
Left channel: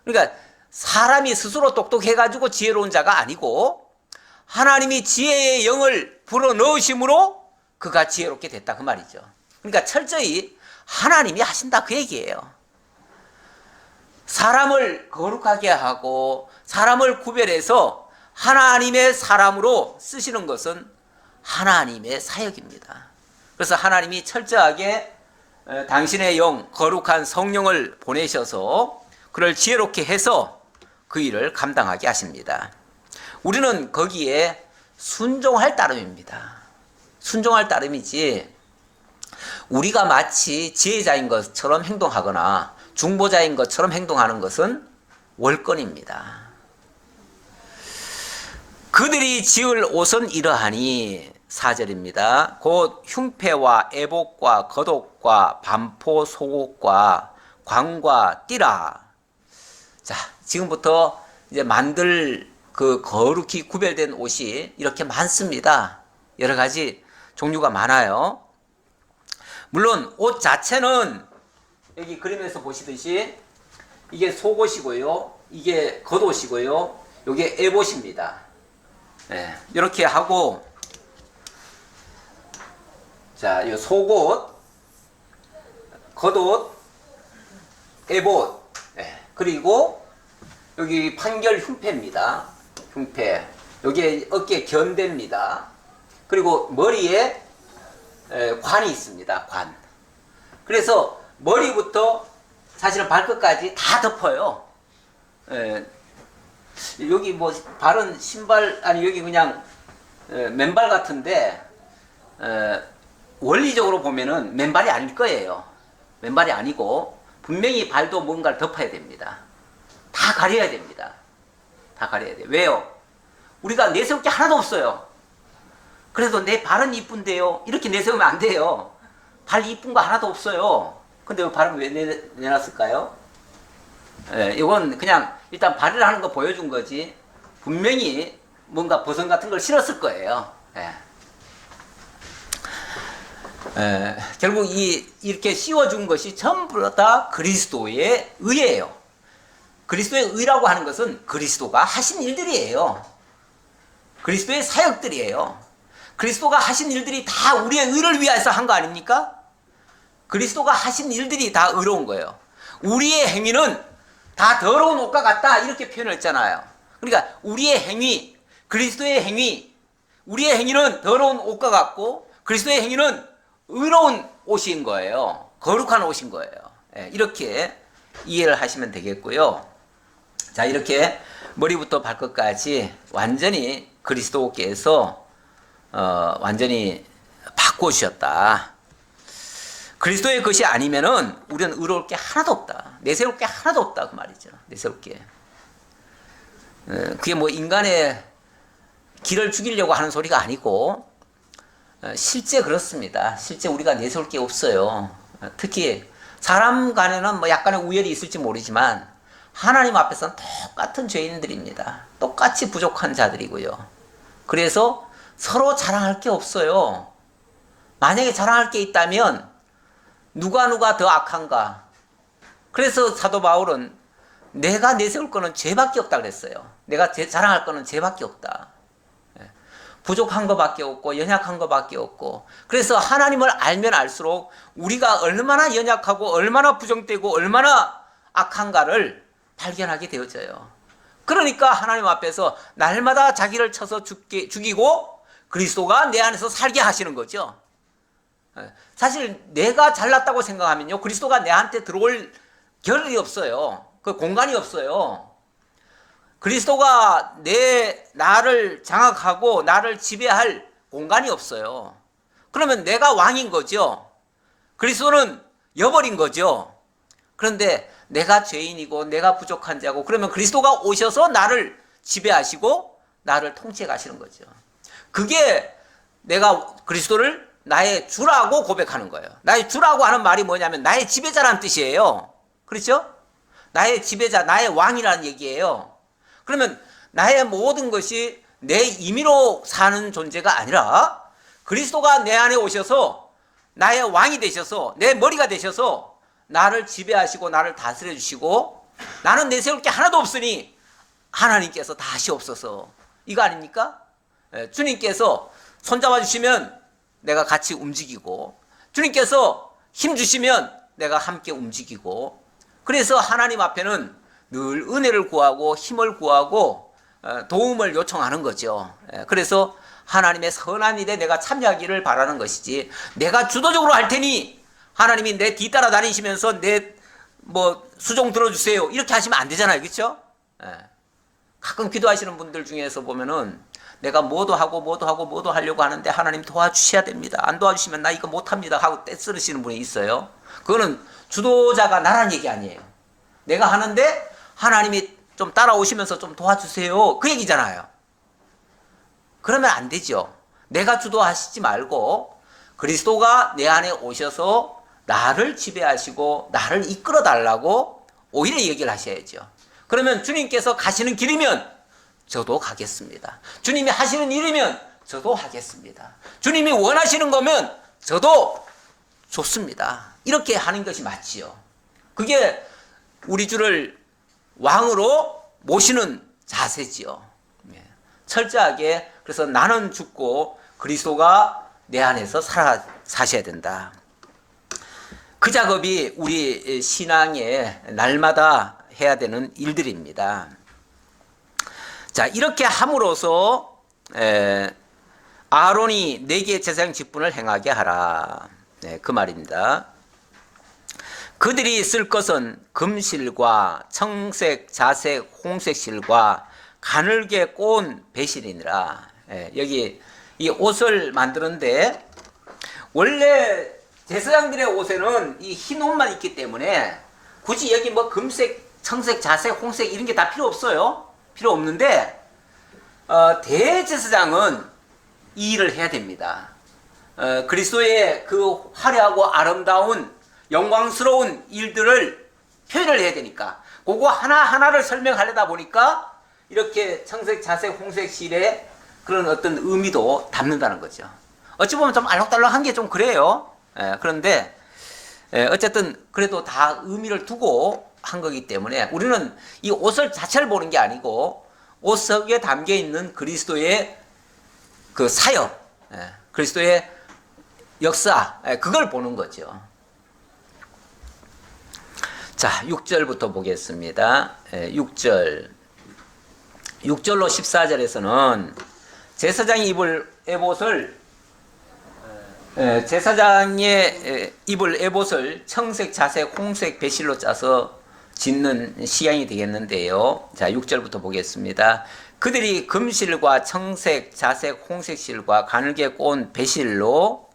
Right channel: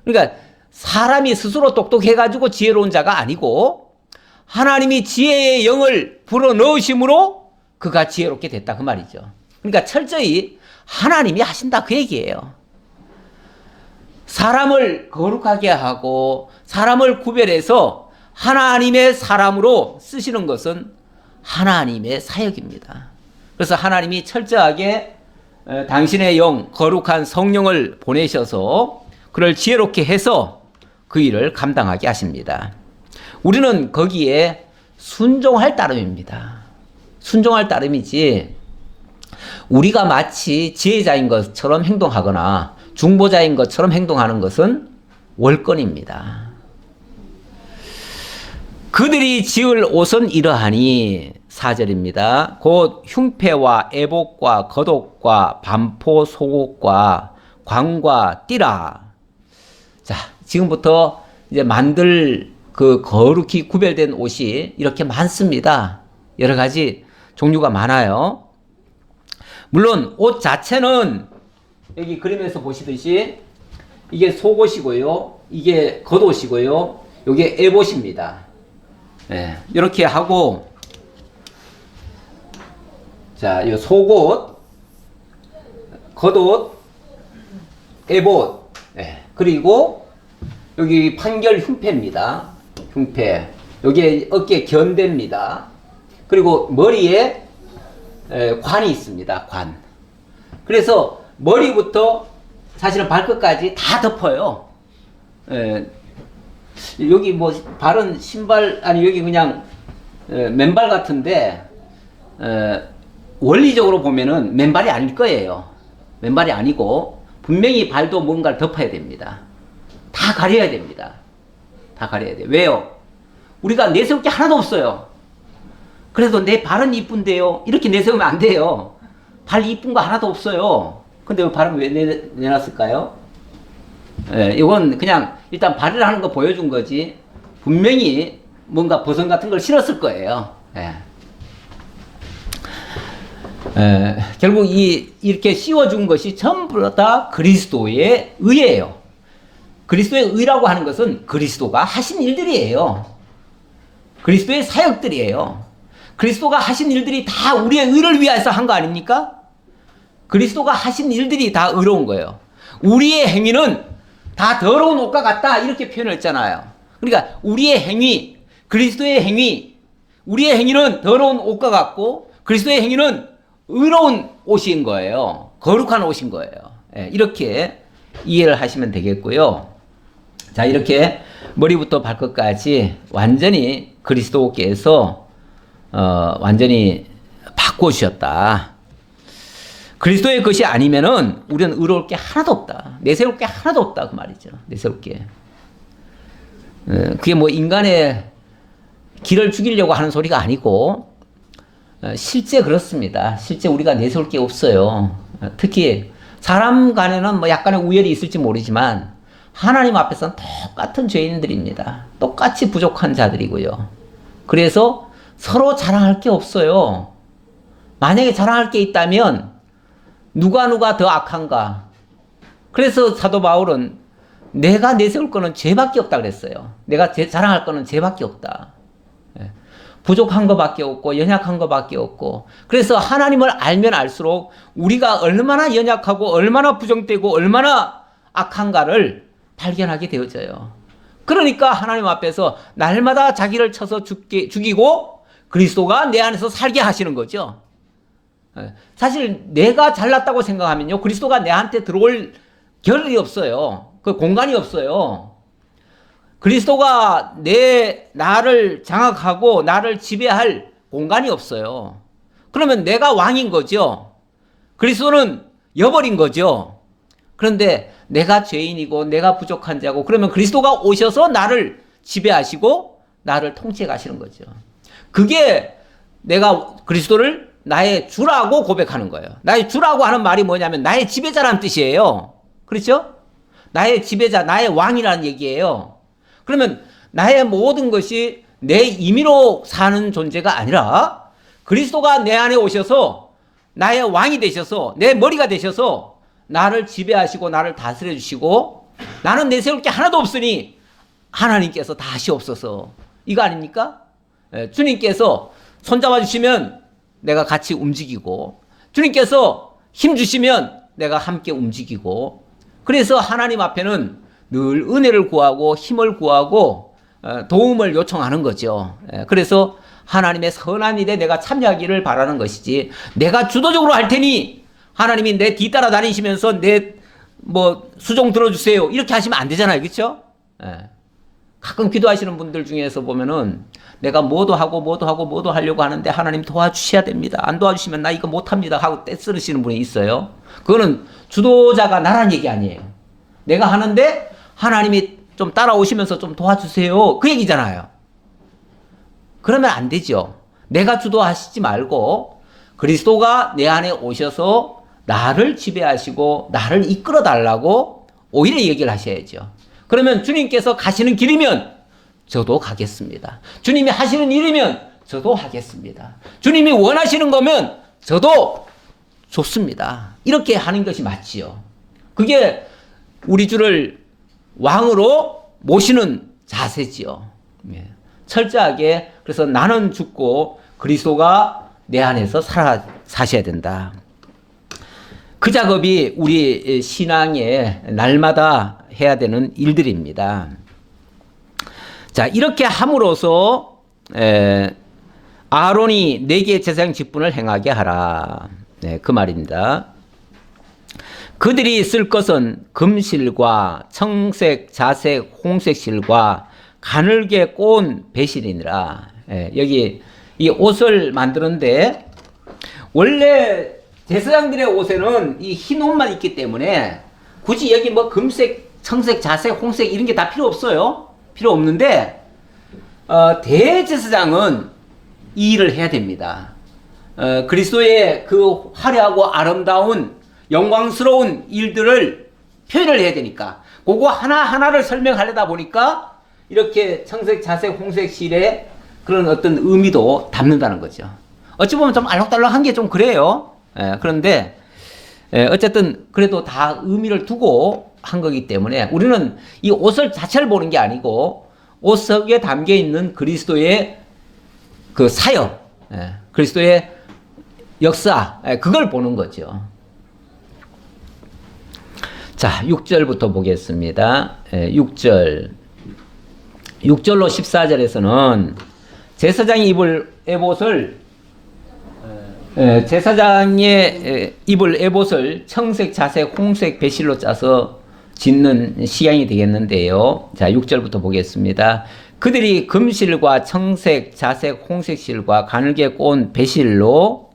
그러니까 사람이 스스로 똑똑해가지고 지혜로운 자가 아니고 하나님이 지혜의 영을 불어넣으심으로 그가 지혜롭게 됐다 그 말이죠. 그러니까 철저히 하나님이 하신다 그 얘기예요. 사람을 거룩하게 하고 사람을 구별해서 하나님의 사람으로 쓰시는 것은 하나님의 사역입니다. 그래서 하나님이 철저하게 당신의 영, 거룩한 성령을 보내셔서 그를 지혜롭게 해서 그 일을 감당하게 하십니다. 우리는 거기에 순종할 따름입니다. 순종할 따름이지 우리가 마치 지혜자인 것처럼 행동하거나 중보자인 것처럼 행동하는 것은 월권입니다. 그들이 지을 옷은 이러하니 4절입니다. 곧 흉패와 애복과 겉옷과 반포 속옷과 광과 띠라. 자, 지금부터 이제 만들 그 거룩히 구별된 옷이 이렇게 많습니다. 여러 가지 종류가 많아요. 물론 옷 자체는 여기 그림에서 보시듯이 이게 속옷이고요. 이게 겉옷이고요. 이게 에봇입니다. 예, 이렇게 하고 자, 이 속옷, 겉옷, 에봇, 예, 그리고 여기 판결 흉패입니다. 흉패. 여기에 어깨 견대입니다. 그리고 머리에 관이 있습니다. 관. 그래서 머리부터 사실은 발끝까지 다 덮어요. 여기 뭐 발은 신발 아니 여기 그냥 맨발 같은데 원리적으로 보면은 맨발이 아닐 거예요. 맨발이 아니고 분명히 발도 뭔가를 덮어야 됩니다. 다 가려야 됩니다. 다 가려야 돼요. 왜요? 우리가 내세울 게 하나도 없어요. 그래도 내 발은 이쁜데요. 이렇게 내세우면 안 돼요. 발 이쁜 거 하나도 없어요. 근데 발은 왜 내놨을까요? 이건 그냥 일단 발을 하는 거 보여준 거지. 분명히 뭔가 버선 같은 걸 실었을 거예요. 결국 이렇게 씌워준 것이 전부 다 그리스도의 의예요. 그리스도의 의라고 하는 것은 그리스도가 하신 일들이에요. 그리스도의 사역들이에요. 그리스도가 하신 일들이 다 우리의 의를 위해서 한 거 아닙니까? 그리스도가 하신 일들이 다 의로운 거예요. 우리의 행위는 다 더러운 옷과 같다 이렇게 표현을 했잖아요. 그러니까 우리의 행위, 그리스도의 행위, 우리의 행위는 더러운 옷과 같고 그리스도의 행위는 의로운 옷인 거예요. 거룩한 옷인 거예요. 이렇게 이해를 하시면 되겠고요. 자, 이렇게 머리부터 발끝까지 완전히 그리스도께서 완전히 바꿔주셨다. 그리스도의 것이 아니면은 우리는 의로울 게 하나도 없다. 내세울 게 하나도 없다 그 말이죠. 내세울 게. 그게 뭐 인간의 길을 죽이려고 하는 소리가 아니고 실제 그렇습니다. 실제 우리가 내세울 게 없어요. 특히 사람 간에는 뭐 약간의 우열이 있을지 모르지만 하나님 앞에서는 똑같은 죄인들입니다. 똑같이 부족한 자들이고요. 그래서 서로 자랑할 게 없어요. 만약에 자랑할 게 있다면 누가 더 악한가? 그래서 사도 바울은 내가 내세울 거는 죄밖에 없다 그랬어요. 내가 자랑할 거는 죄밖에 없다. 부족한 것밖에 없고 연약한 것밖에 없고 그래서 하나님을 알면 알수록 우리가 얼마나 연약하고 얼마나 부정되고 얼마나 악한가를 발견하게 되어져요. 그러니까 하나님 앞에서 날마다 자기를 쳐서 죽이고 그리스도가 내 안에서 살게 하시는 거죠. 사실 내가 잘났다고 생각하면요 그리스도가 내한테 들어올 겨를이 없어요. 그 공간이 없어요. 그리스도가 나를 장악하고 나를 지배할 공간이 없어요. 그러면 내가 왕인 거죠. 그리스도는 여벌인 거죠. 그런데 내가 죄인이고 내가 부족한 자고 그러면 그리스도가 오셔서 나를 지배하시고 나를 통치해 가시는 거죠. 그게 내가 그리스도를 나의 주라고 고백하는 거예요. 나의 주라고 하는 말이 뭐냐면 나의 지배자라는 뜻이에요. 그렇죠? 나의 지배자, 나의 왕이라는 얘기예요. 그러면 나의 모든 것이 내 임의로 사는 존재가 아니라 그리스도가 내 안에 오셔서 나의 왕이 되셔서 내 머리가 되셔서 나를 지배하시고 나를 다스려 주시고 나는 내세울 게 하나도 없으니 하나님께서 다 하시옵소서. 이거 아닙니까? 주님께서 손잡아 주시면 내가 같이 움직이고 주님께서 힘 주시면 내가 함께 움직이고 그래서 하나님 앞에는 늘 은혜를 구하고 힘을 구하고 도움을 요청하는 거죠. 그래서 하나님의 선한 일에 내가 참여하기를 바라는 것이지 내가 주도적으로 할 테니 하나님이 내 뒤따라 다니시면서 내 뭐 수종 들어주세요 이렇게 하시면 안 되잖아요. 그렇죠? 가끔 기도하시는 분들 중에서 보면은 내가 뭐도 하려고 하는데 하나님 도와주셔야 됩니다. 안 도와주시면 나 이거 못합니다 하고 떼쓰시는 분이 있어요. 그거는 주도자가 나란 얘기 아니에요. 내가 하는데 하나님이 좀 따라오시면서 좀 도와주세요 그 얘기잖아요. 그러면 안 되죠. 내가 주도하시지 말고 그리스도가 내 안에 오셔서 나를 지배하시고 나를 이끌어 달라고 오히려 얘기를 하셔야죠. 그러면 주님께서 가시는 길이면 저도 가겠습니다. 주님이 하시는 일이면 저도 하겠습니다. 주님이 원하시는 거면 저도 좋습니다. 이렇게 하는 것이 맞지요. 그게 우리 주를 왕으로 모시는 자세지요. 철저하게 그래서 나는 죽고 그리스도가 내 안에서 사셔야 된다. 그 작업이 우리 신앙에 날마다 해야 되는 일들입니다. 자, 이렇게 함으로써 아론이 네개 제사장 직분을 행하게 하라. 네, 그 말입니다. 그들이 쓸 것은 금실과 청색, 자색, 홍색 실과 가늘게 꼬은 배실이니라. 여기 이 옷을 만드는데 원래 제사장들의 옷에는 이 흰 옷만 있기 때문에 굳이 여기 뭐 금색, 청색, 자색, 홍색 이런 게 다 필요 없어요. 필요 없는데 대제사장은 이 일을 해야 됩니다. 그리스도의 그 화려하고 아름다운 영광스러운 일들을 표현을 해야 되니까 그거 하나하나를 설명하려다 보니까 이렇게 청색, 자색, 홍색 실에 그런 어떤 의미도 담는다는 거죠. 어찌 보면 좀 알록달록한 게 좀 그래요. 그런데 어쨌든 그래도 다 의미를 두고 한 거기 때문에 우리는 이 옷을 자체를 보는 게 아니고 옷 속에 담겨 있는 그리스도의 그 사역, 그리스도의 역사, 그걸 보는 거죠. 자, 6절부터 보겠습니다. 6절로 14절에서는 제사장이 입을 에봇을 제사장의 입을 에봇을 청색, 자색, 홍색 배실로 짜서 짓는 시향이 되겠는데요. 자, 6절부터 보겠습니다. 그들이 금실과 청색, 자색, 홍색 실과 가늘게 꼬은 배실로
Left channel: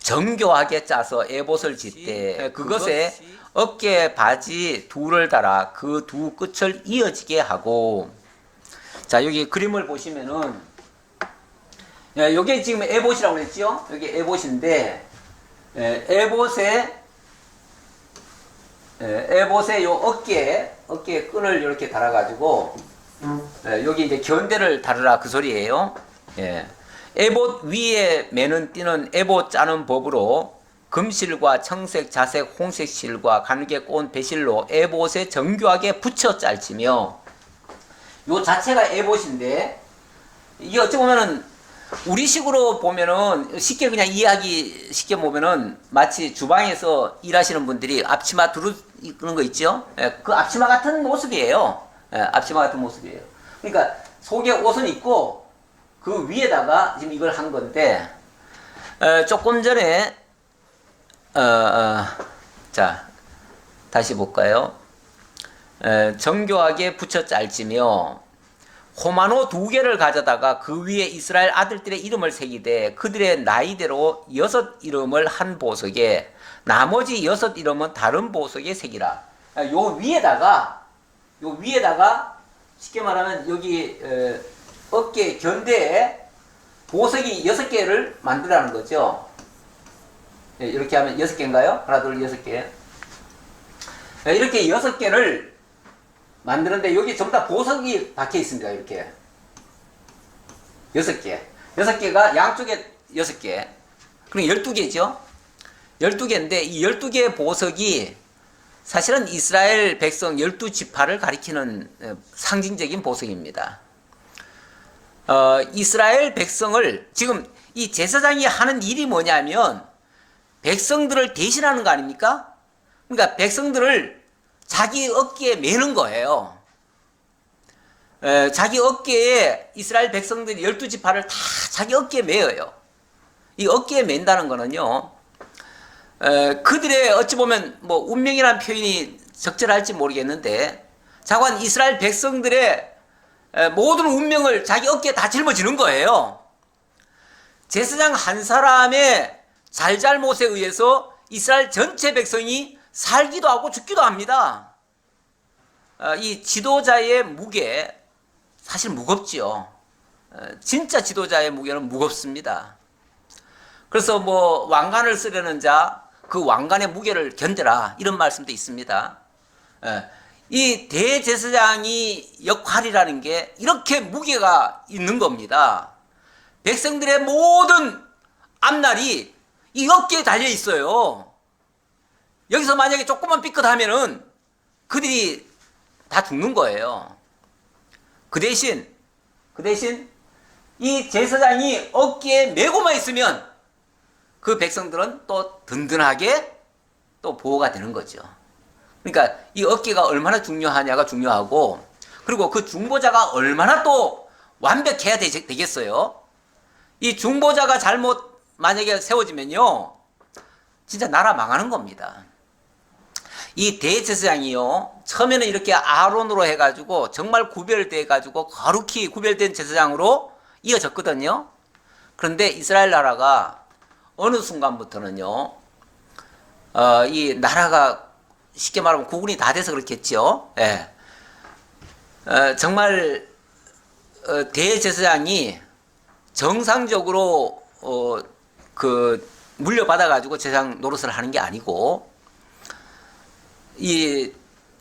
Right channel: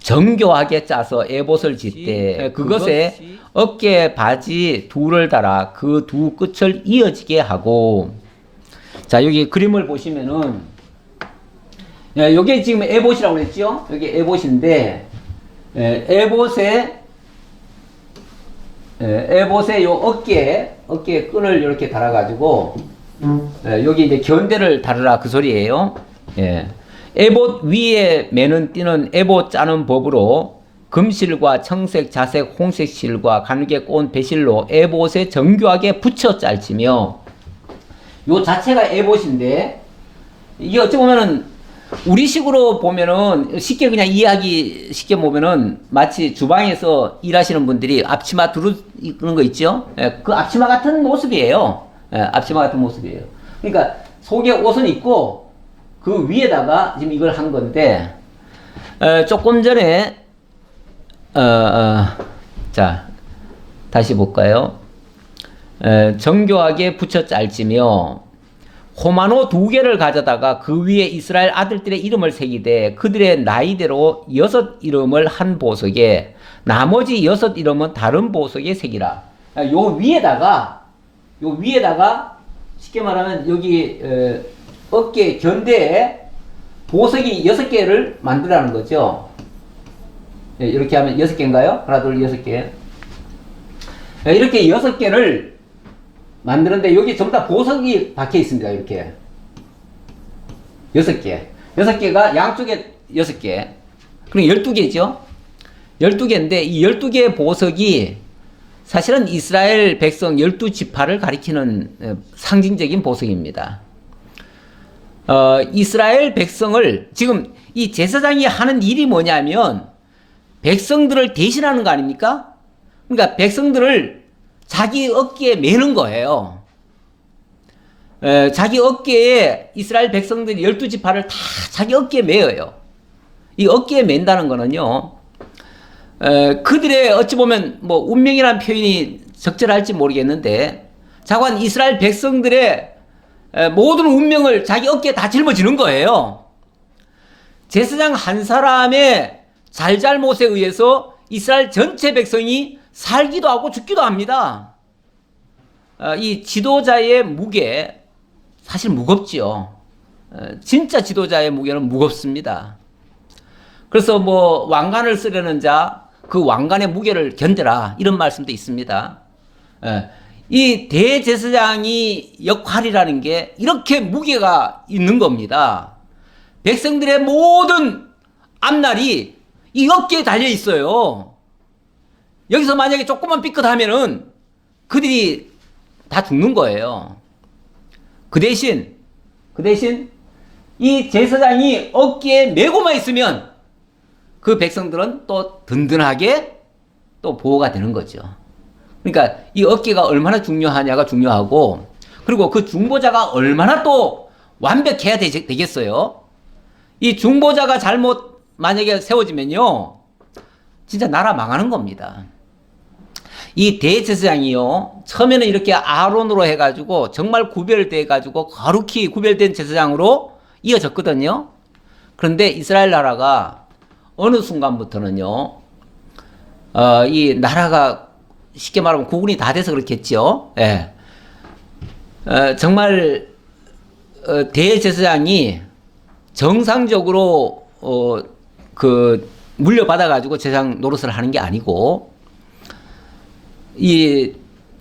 정교하게 짜서 에봇을 짓되 그것에 어깨 바지 둘을 달아 그 두 끝을 이어지게 하고. 자, 여기 그림을 보시면은 요게 지금 에봇이라고 그랬죠? 여기 에봇인데 에봇의 요 어깨에 끈을 이렇게 달아 가지고 여기 이제 견대를 달으라 그 소리예요. 에봇 위에 매는 띠는 에봇 짜는 법으로 금실과 청색, 자색, 홍색 실과 가늘게 꼬은 배실로 에봇에 정교하게 붙여 짤지며. 요 자체가 에봇인데 이게 어찌 보면은 우리식으로 보면은 쉽게 그냥 이해하기 쉽게 보면은 마치 주방에서 일하시는 분들이 앞치마 두르는 거 있죠? 그 앞치마 같은 모습이에요. 앞치마 같은 모습이에요. 그러니까 속에 옷은 있고 그 위에다가 지금 이걸 한 건데 조금 전에 자 다시 볼까요? 정교하게 붙여 짤지며 호마노 2개를 가져다가 그 위에 이스라엘 아들들의 이름을 새기되 그들의 나이대로 6 이름을 한 보석에 나머지 6 이름은 다른 보석에 새기라. 요 위에다가 쉽게 말하면 여기 어깨 견대에 보석이 6개를 만들라는 거죠. 이렇게 하면 6개인가요? 하나, 둘, 6개. 이렇게 6개를 만드는데 여기 전부 다 보석이 박혀 있습니다. 이렇게 6개. 6개가 양쪽에 6개. 그럼 12개죠. 12개인데 이 12개의 보석이 사실은 이스라엘 백성 12지파를 가리키는 상징적인 보석입니다. 이스라엘 백성을 지금 이 제사장이 하는 일이 뭐냐면 백성들을 대신하는 거 아닙니까? 그러니까 백성들을 자기 어깨에 매는 거예요. 자기 어깨에 이스라엘 백성들이 12지파를 다 자기 어깨에 매어요. 이 어깨에 맨다는 거는요, 그들의 어찌 보면 뭐 운명이라는 표현이 적절할지 모르겠는데 자관 이스라엘 백성들의 모든 운명을 자기 어깨에 다 짊어지는 거예요. 제사장 한 사람의 잘잘못에 의해서 이스라엘 전체 백성이 살기도 하고 죽기도 합니다. 이 지도자의 무게 사실 무겁지요. 진짜 지도자의 무게는 무겁습니다. 그래서 뭐 왕관을 쓰려는 자 그 왕관의 무게를 견뎌라 이런 말씀도 있습니다. 이 대제사장이 역할이라는 게 이렇게 무게가 있는 겁니다. 백성들의 모든 앞날이 이 어깨에 달려 있어요. 여기서 만약에 조금만 삐끗하면은 그들이 다 죽는 거예요. 그 대신 이 제사장이 어깨에 메고만 있으면 그 백성들은 또 든든하게 또 보호가 되는 거죠. 그러니까 이 어깨가 얼마나 중요하냐가 중요하고, 그리고 그 중보자가 얼마나 또 완벽해야 되겠어요. 이 중보자가 잘못 만약에 세워지면요, 진짜 나라 망하는 겁니다. 이 대제사장이요, 처음에는 이렇게 아론으로 해가지고 정말 구별돼가지고 거룩히 구별된 제사장으로 이어졌거든요. 그런데 이스라엘 나라가 어느 순간부터는요, 이 나라가 쉽게 말하면 구분이 다 돼서 그렇겠죠. 예. 정말 대제사장이 정상적으로 그 물려받아가지고 제사장 노릇을 하는 게 아니고, 이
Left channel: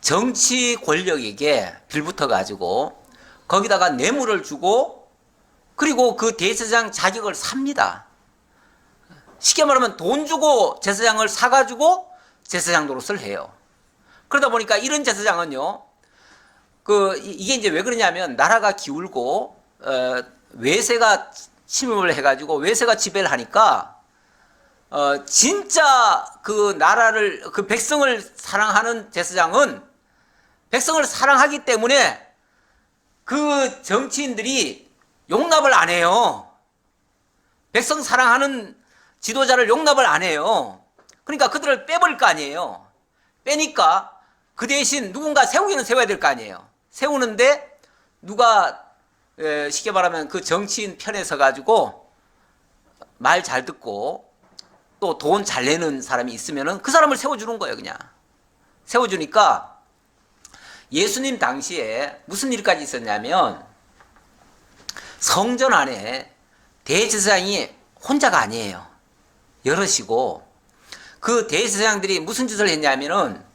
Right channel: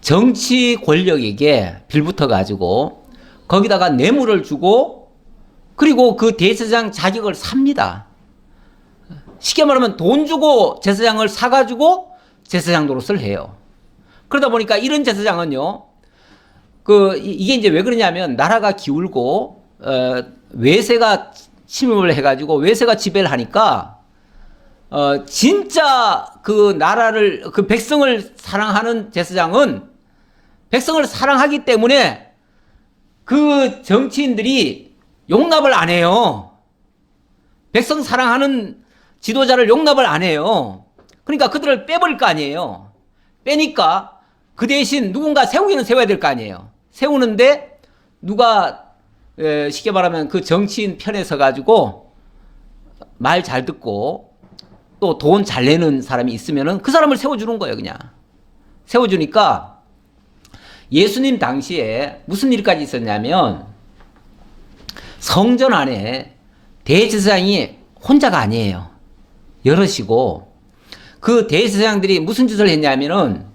정치 권력에게 빌붙어가지고 거기다가 뇌물을 주고, 그리고 그 대제사장 자격을 삽니다. 쉽게 말하면 돈 주고 제사장을 사가지고 제사장 노릇을 해요. 그러다 보니까 이런 제사장은요, 이게 이제 왜 그러냐면, 나라가 기울고 외세가 침입을 해가지고 외세가 지배를 하니까 진짜 그 나라를, 그 백성을 사랑하는 제사장은 백성을 사랑하기 때문에 그 정치인들이 용납을 안 해요. 백성 사랑하는 지도자를 용납을 안 해요. 그러니까 그들을 빼버릴 거 아니에요. 빼니까 그 대신 누군가 세우기는 세워야 될 거 아니에요. 세우는데 누가 쉽게 말하면 그 정치인 편에 서가지고 말 잘 듣고 또 돈 잘 내는 사람이 있으면은 그 사람을 세워주는 거예요, 그냥. 세워주니까 예수님 당시에 무슨 일까지 있었냐면, 성전 안에 대제사장이 혼자가 아니에요. 여럿이고, 그 대제사장들이 무슨 짓을 했냐면은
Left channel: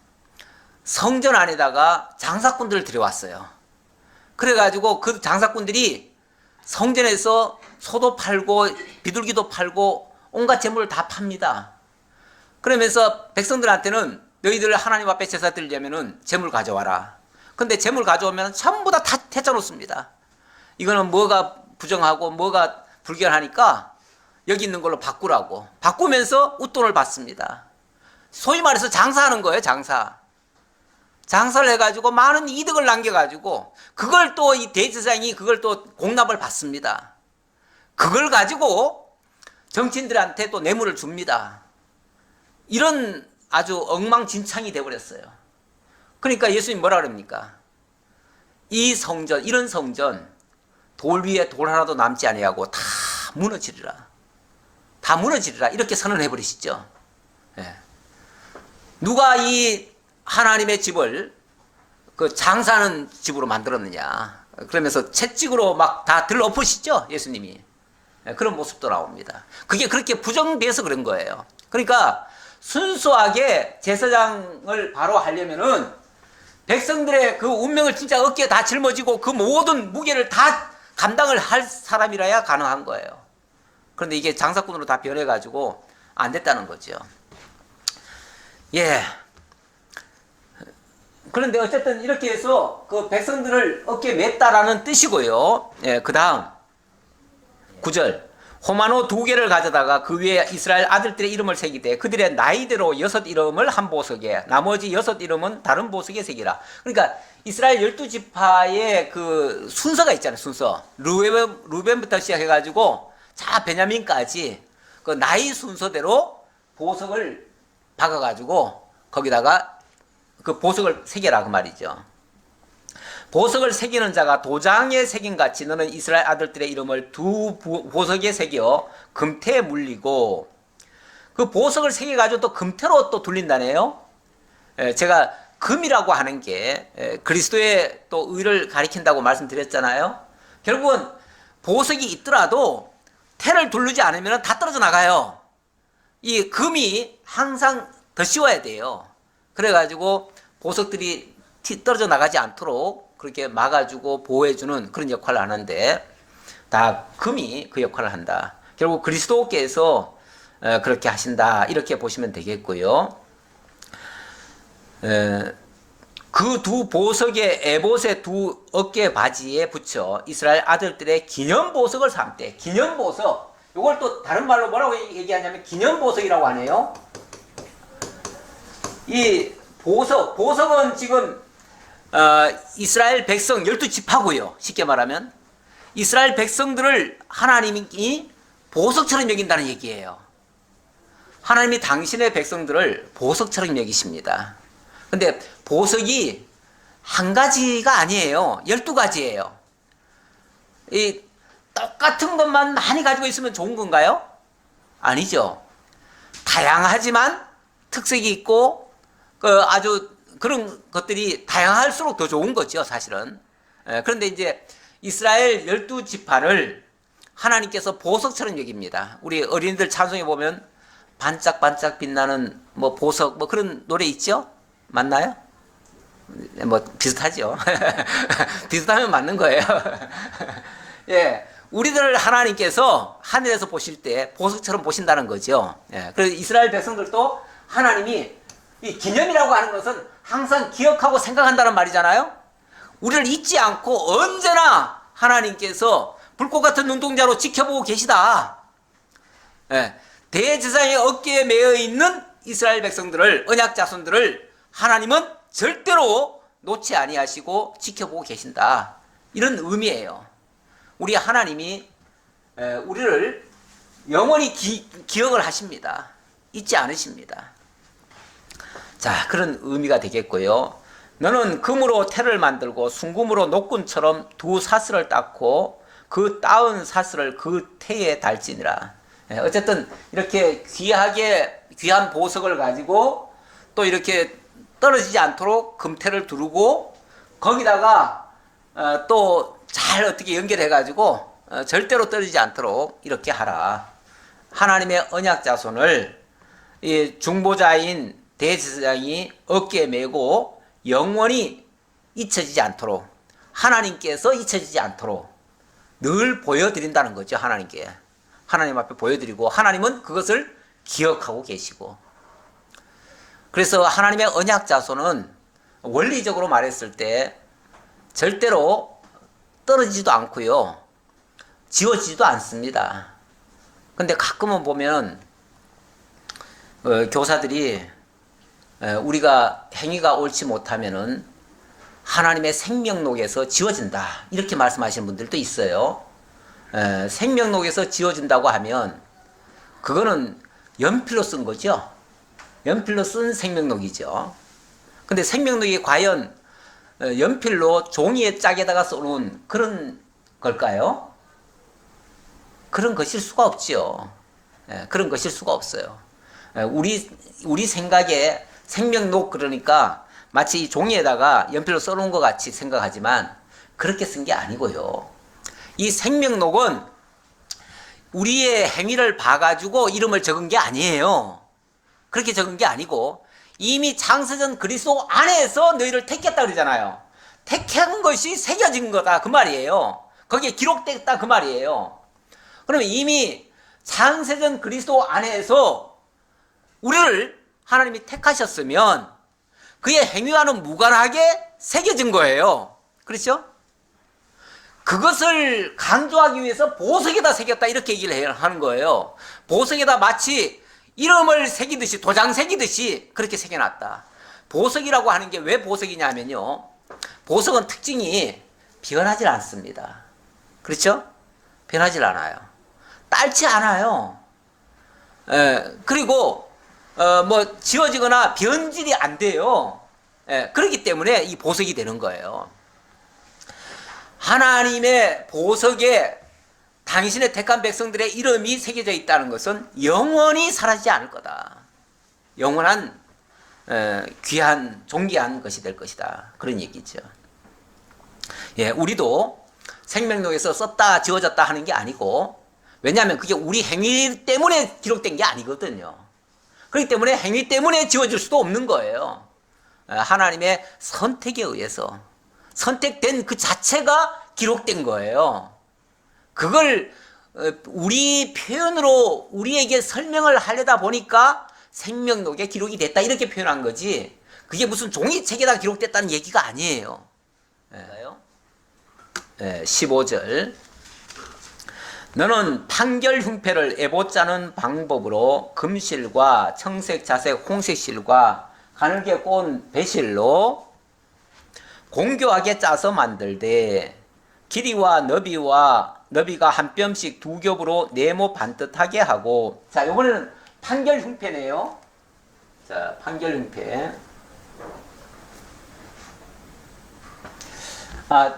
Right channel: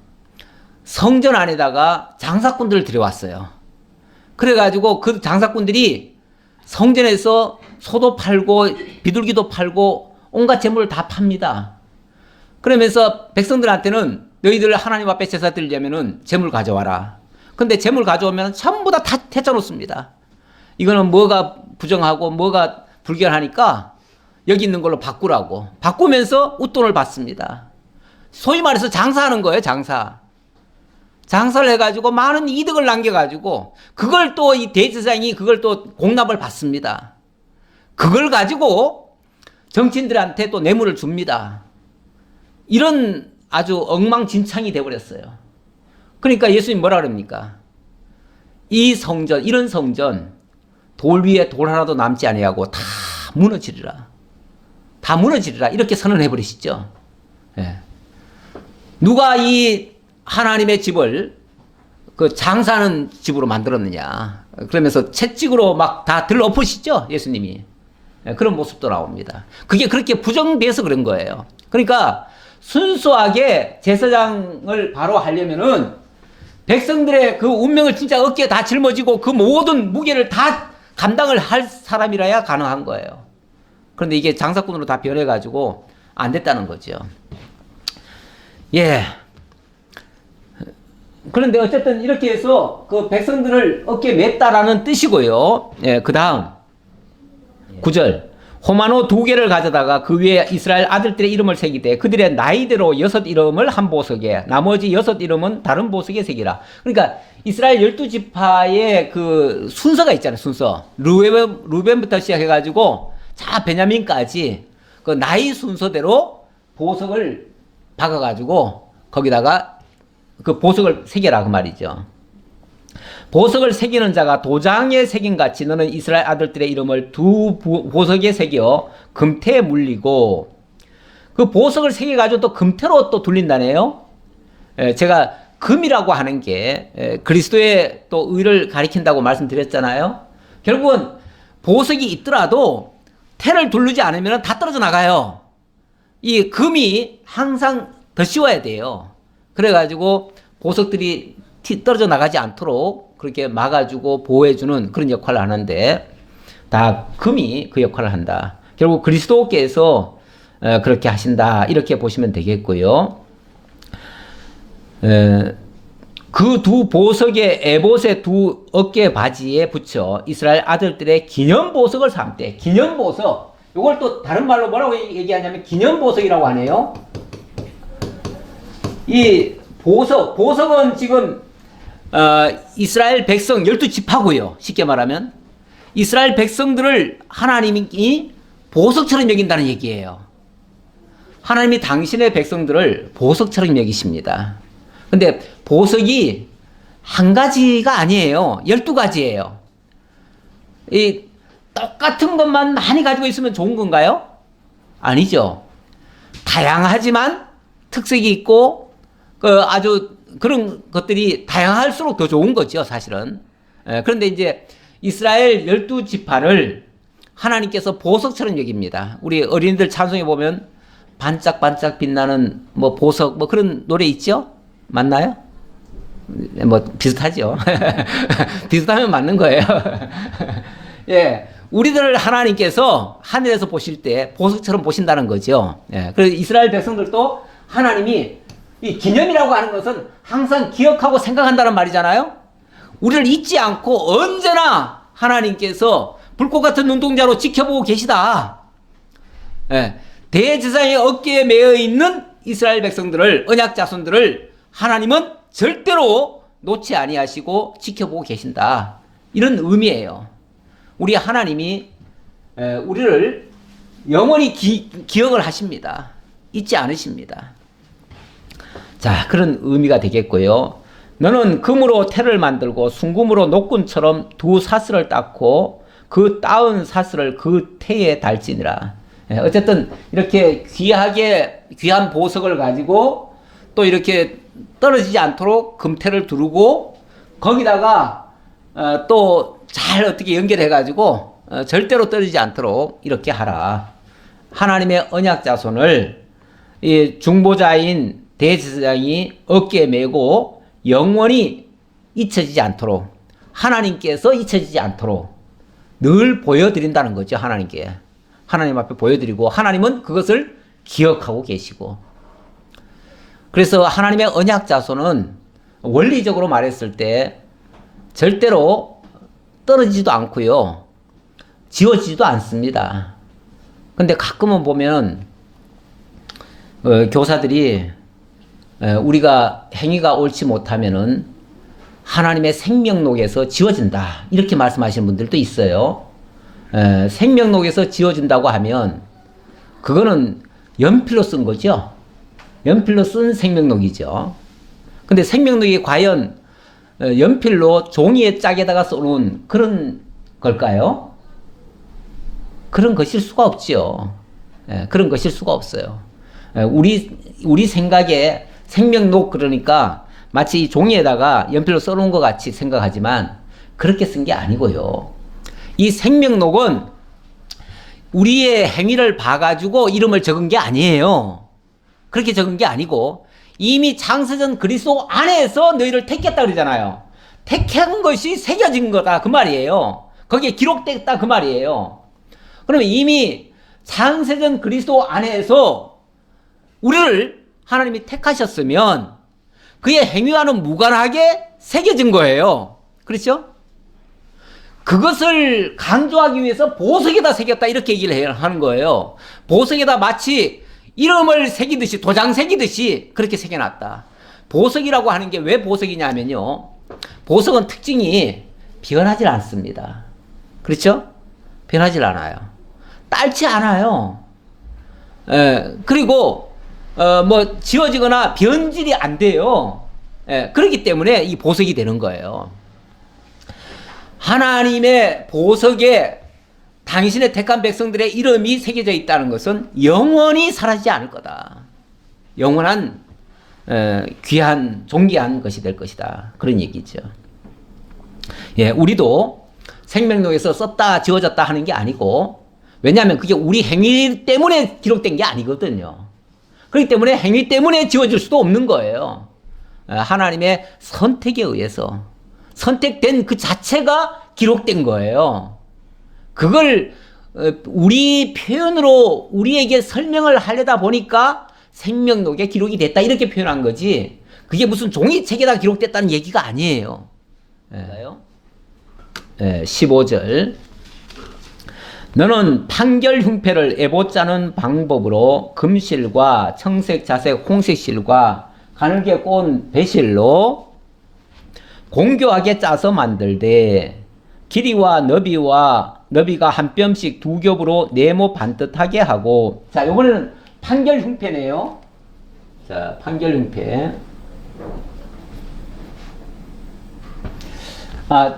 성전 안에다가 장사꾼들을 들여왔어요. 그래가지고 그 장사꾼들이 성전에서 소도 팔고 비둘기도 팔고 온갖 재물을 다 팝니다. 그러면서 백성들한테는 너희들 하나님 앞에 제사 드리려면은 재물 가져와라. 근데 재물 가져오면 전부 다 태짜 놓습니다. 이거는 뭐가 부정하고 뭐가 불결하니까 여기 있는 걸로 바꾸라고. 바꾸면서 웃돈을 받습니다. 소위 말해서 장사하는 거예요, 장사. 장사를 해가지고 많은 이득을 남겨가지고 그걸 또 이 대제사장이 그걸 또 공납을 받습니다. 그걸 가지고 정치인들한테 또 뇌물을 줍니다. 이런 아주 엉망진창이 돼버렸어요. 그러니까 예수님 뭐라 그럽니까? 이 성전, 이런 성전 돌 위에 돌 하나도 남지 아니하고 다 무너지리라. 다 무너지리라. 이렇게 선언해 버리시죠. 예. 누가 이 하나님의 집을 그 장사하는 집으로 만들었느냐. 그러면서 채찍으로 막 다 들엎으시죠, 예수님이. 예, 그런 모습도 나옵니다. 그게 그렇게 부정돼서 그런 거예요. 그러니까 순수하게 제사장을 바로 하려면은 백성들의 그 운명을 진짜 어깨에 다 짊어지고 그 모든 무게를 다 감당을 할 사람이라야 가능한 거예요. 그런데 이게 장사꾼으로 다 변해가지고 안 됐다는 거죠. 예. 그런데 어쨌든 이렇게 해서 그 백성들을 어깨에 맸다라는 뜻이고요. 예, 그 다음 9절. 호마노 2개를 가져다가 그 위에 이스라엘 아들들의 이름을 새기되 그들의 나이대로 6 이름을 한 보석에 나머지 6 이름은 다른 보석에 새기라. 그러니까 이스라엘 12지파의 그 순서가 있잖아요. 순서. 루벤부터 시작해가지고 자 베냐민까지 그 나이 순서대로 보석을 박아가지고 거기다가 그 보석을 새겨라 그 말이죠. 보석을 새기는 자가 도장에 새긴 같이 너는 이스라엘 아들들의 이름을 2 보석에 새겨 금태에 물리고, 그 보석을 새겨가지고 또 금태로 또 둘린다네요. 제가 금이라고 하는 게 그리스도의 또 의를 가리킨다고 말씀드렸잖아요. 결국은 보석이 있더라도 태를 두르지 않으면 다 떨어져 나가요. 이 금이 항상 더 씌워야 돼요. 그래가지고 보석들이 떨어져 나가지 않도록 그렇게 막아주고 보호해주는 그런 역할을 하는데 다 금이 그 역할을 한다. 결국 그리스도께서 그렇게 하신다. 이렇게 보시면 되겠고요. 그 두 보석의 에봇의 두 어깨 바지에 붙여 이스라엘 아들들의 기념보석을 삼되, 기념보석. 이걸 또 다른 말로 뭐라고 얘기하냐면 기념보석이라고 하네요. 이 보석은 지금 이스라엘 백성 12지파고요. 쉽게 말하면 이스라엘 백성들을 하나님이 보석처럼 여긴다는 얘기예요. 하나님이 당신의 백성들을 보석처럼 여기십니다. 근데 보석이 한 가지가 아니에요. 12가지예요. 이 똑같은 것만 많이 가지고 있으면 좋은 건가요? 아니죠. 다양하지만 특색이 있고 아주 그런 것들이 다양할수록 더 좋은 거죠, 사실은. 그런데 이제 이스라엘 12지파를 하나님께서 보석처럼 여깁니다. 우리 어린이들 찬송에 보면 반짝반짝 빛나는 뭐 보석 뭐 그런 노래 있죠? 맞나요? 뭐 비슷하죠. 비슷하면 맞는 거예요. 예, 우리들 하나님께서 하늘에서 보실 때 보석처럼 보신다는 거죠. 예, 그래서 이스라엘 백성들도 하나님이 이 기념이라고 하는 것은 항상 기억하고 생각한다는 말이잖아요. 우리를 잊지 않고 언제나 하나님께서 불꽃 같은 눈동자로 지켜보고 계시다. 예, 대제사장의 어깨에 매어 있는 이스라엘 백성들을, 언약 자손들을 하나님은 절대로 놓지 아니하시고 지켜보고 계신다. 이런 의미예요. 우리 하나님이 우리를 영원히 기억을 하십니다. 잊지 않으십니다. 자, 그런 의미가 되겠고요. 너는 금으로 태를 만들고 순금으로 녹군처럼 두 사슬을 닦고 그 따은 사슬을 그 태에 달지니라. 어쨌든 이렇게 귀한 보석을 가지고 또 이렇게 떨어지지 않도록 금태를 두르고 거기다가 또 잘 어떻게 연결해 가지고 절대로 떨어지지 않도록 이렇게 하라. 하나님의 언약 자손을 이 중보자인 대제사장이 어깨에 메고 영원히 잊혀지지 않도록, 하나님께서 잊혀지지 않도록 늘 보여드린다는 거죠. 하나님께. 하나님 앞에 보여드리고 하나님은 그것을 기억하고 계시고. 그래서 하나님의 언약 자손은 원리적으로 말했을 때 절대로 떨어지지도 않고요. 지워지지도 않습니다. 근데 가끔은 보면 교사들이 우리가 행위가 옳지 못하면은 하나님의 생명록에서 지워진다. 이렇게 말씀하시는 분들도 있어요. 생명록에서 지워진다고 하면 그거는 연필로 쓴 거죠. 연필로 쓴 생명록이죠. 근데 생명록이 과연 연필로 종이에 짝에다가 써놓은 그런 걸까요? 그런 것일 수가 없죠. 그런 것일 수가 없어요. 우리 생각에 생명록 그러니까 마치 종이에다가 연필로 써놓은 것 같이 생각하지만 그렇게 쓴 게 아니고요. 이 생명록은 우리의 행위를 봐가지고 이름을 적은 게 아니에요. 그렇게 적은 게 아니고 이미 창세전 그리스도 안에서 너희를 택했다 그러잖아요. 택한 것이 새겨진 거다 그 말이에요. 거기에 기록됐다 그 말이에요. 그러면 이미 창세전 그리스도 안에서 우리를 하나님이 택하셨으면 그의 행위와는 무관하게 새겨진 거예요. 그렇죠? 그것을 강조하기 위해서 보석에다 새겼다 이렇게 얘기를 하는 거예요. 보석에다 마치 이름을 새기듯이 도장 새기듯이 그렇게 새겨놨다. 보석이라고 하는 게 왜 보석이냐면요. 보석은 특징이 변하지 않습니다. 그렇죠? 변하지 않아요. 딸지 않아요. 그리고 뭐 지워지거나 변질이 안 돼요. 그렇기 때문에 이 보석이 되는 거예요. 하나님의 보석에 당신의 택한 백성들의 이름이 새겨져 있다는 것은 영원히 사라지지 않을 거다. 영원한 귀한 존귀한 것이 될 것이다. 그런 얘기죠. 예, 우리도 생명록에서 썼다 지워졌다 하는 게 아니고, 왜냐하면 그게 우리 행위 때문에 기록된 게 아니거든요. 그렇기 때문에 행위 때문에 지워질 수도 없는 거예요. 하나님의 선택에 의해서 선택된 그 자체가 기록된 거예요. 그걸 우리 표현으로 우리에게 설명을 하려다 보니까 생명록에 기록이 됐다 이렇게 표현한 거지, 그게 무슨 종이책에다 기록됐다는 얘기가 아니에요. 15절. 너는 판결 흉패를 에봇 짜는 방법으로 금실과 청색, 자색, 홍색 실과 가늘게 꼬은 배실로 공교하게 짜서 만들되 길이와 너비가 한 뼘씩 두 겹으로 네모 반듯하게 하고. 자, 이번에는 판결 흉패네요. 자, 판결 흉패.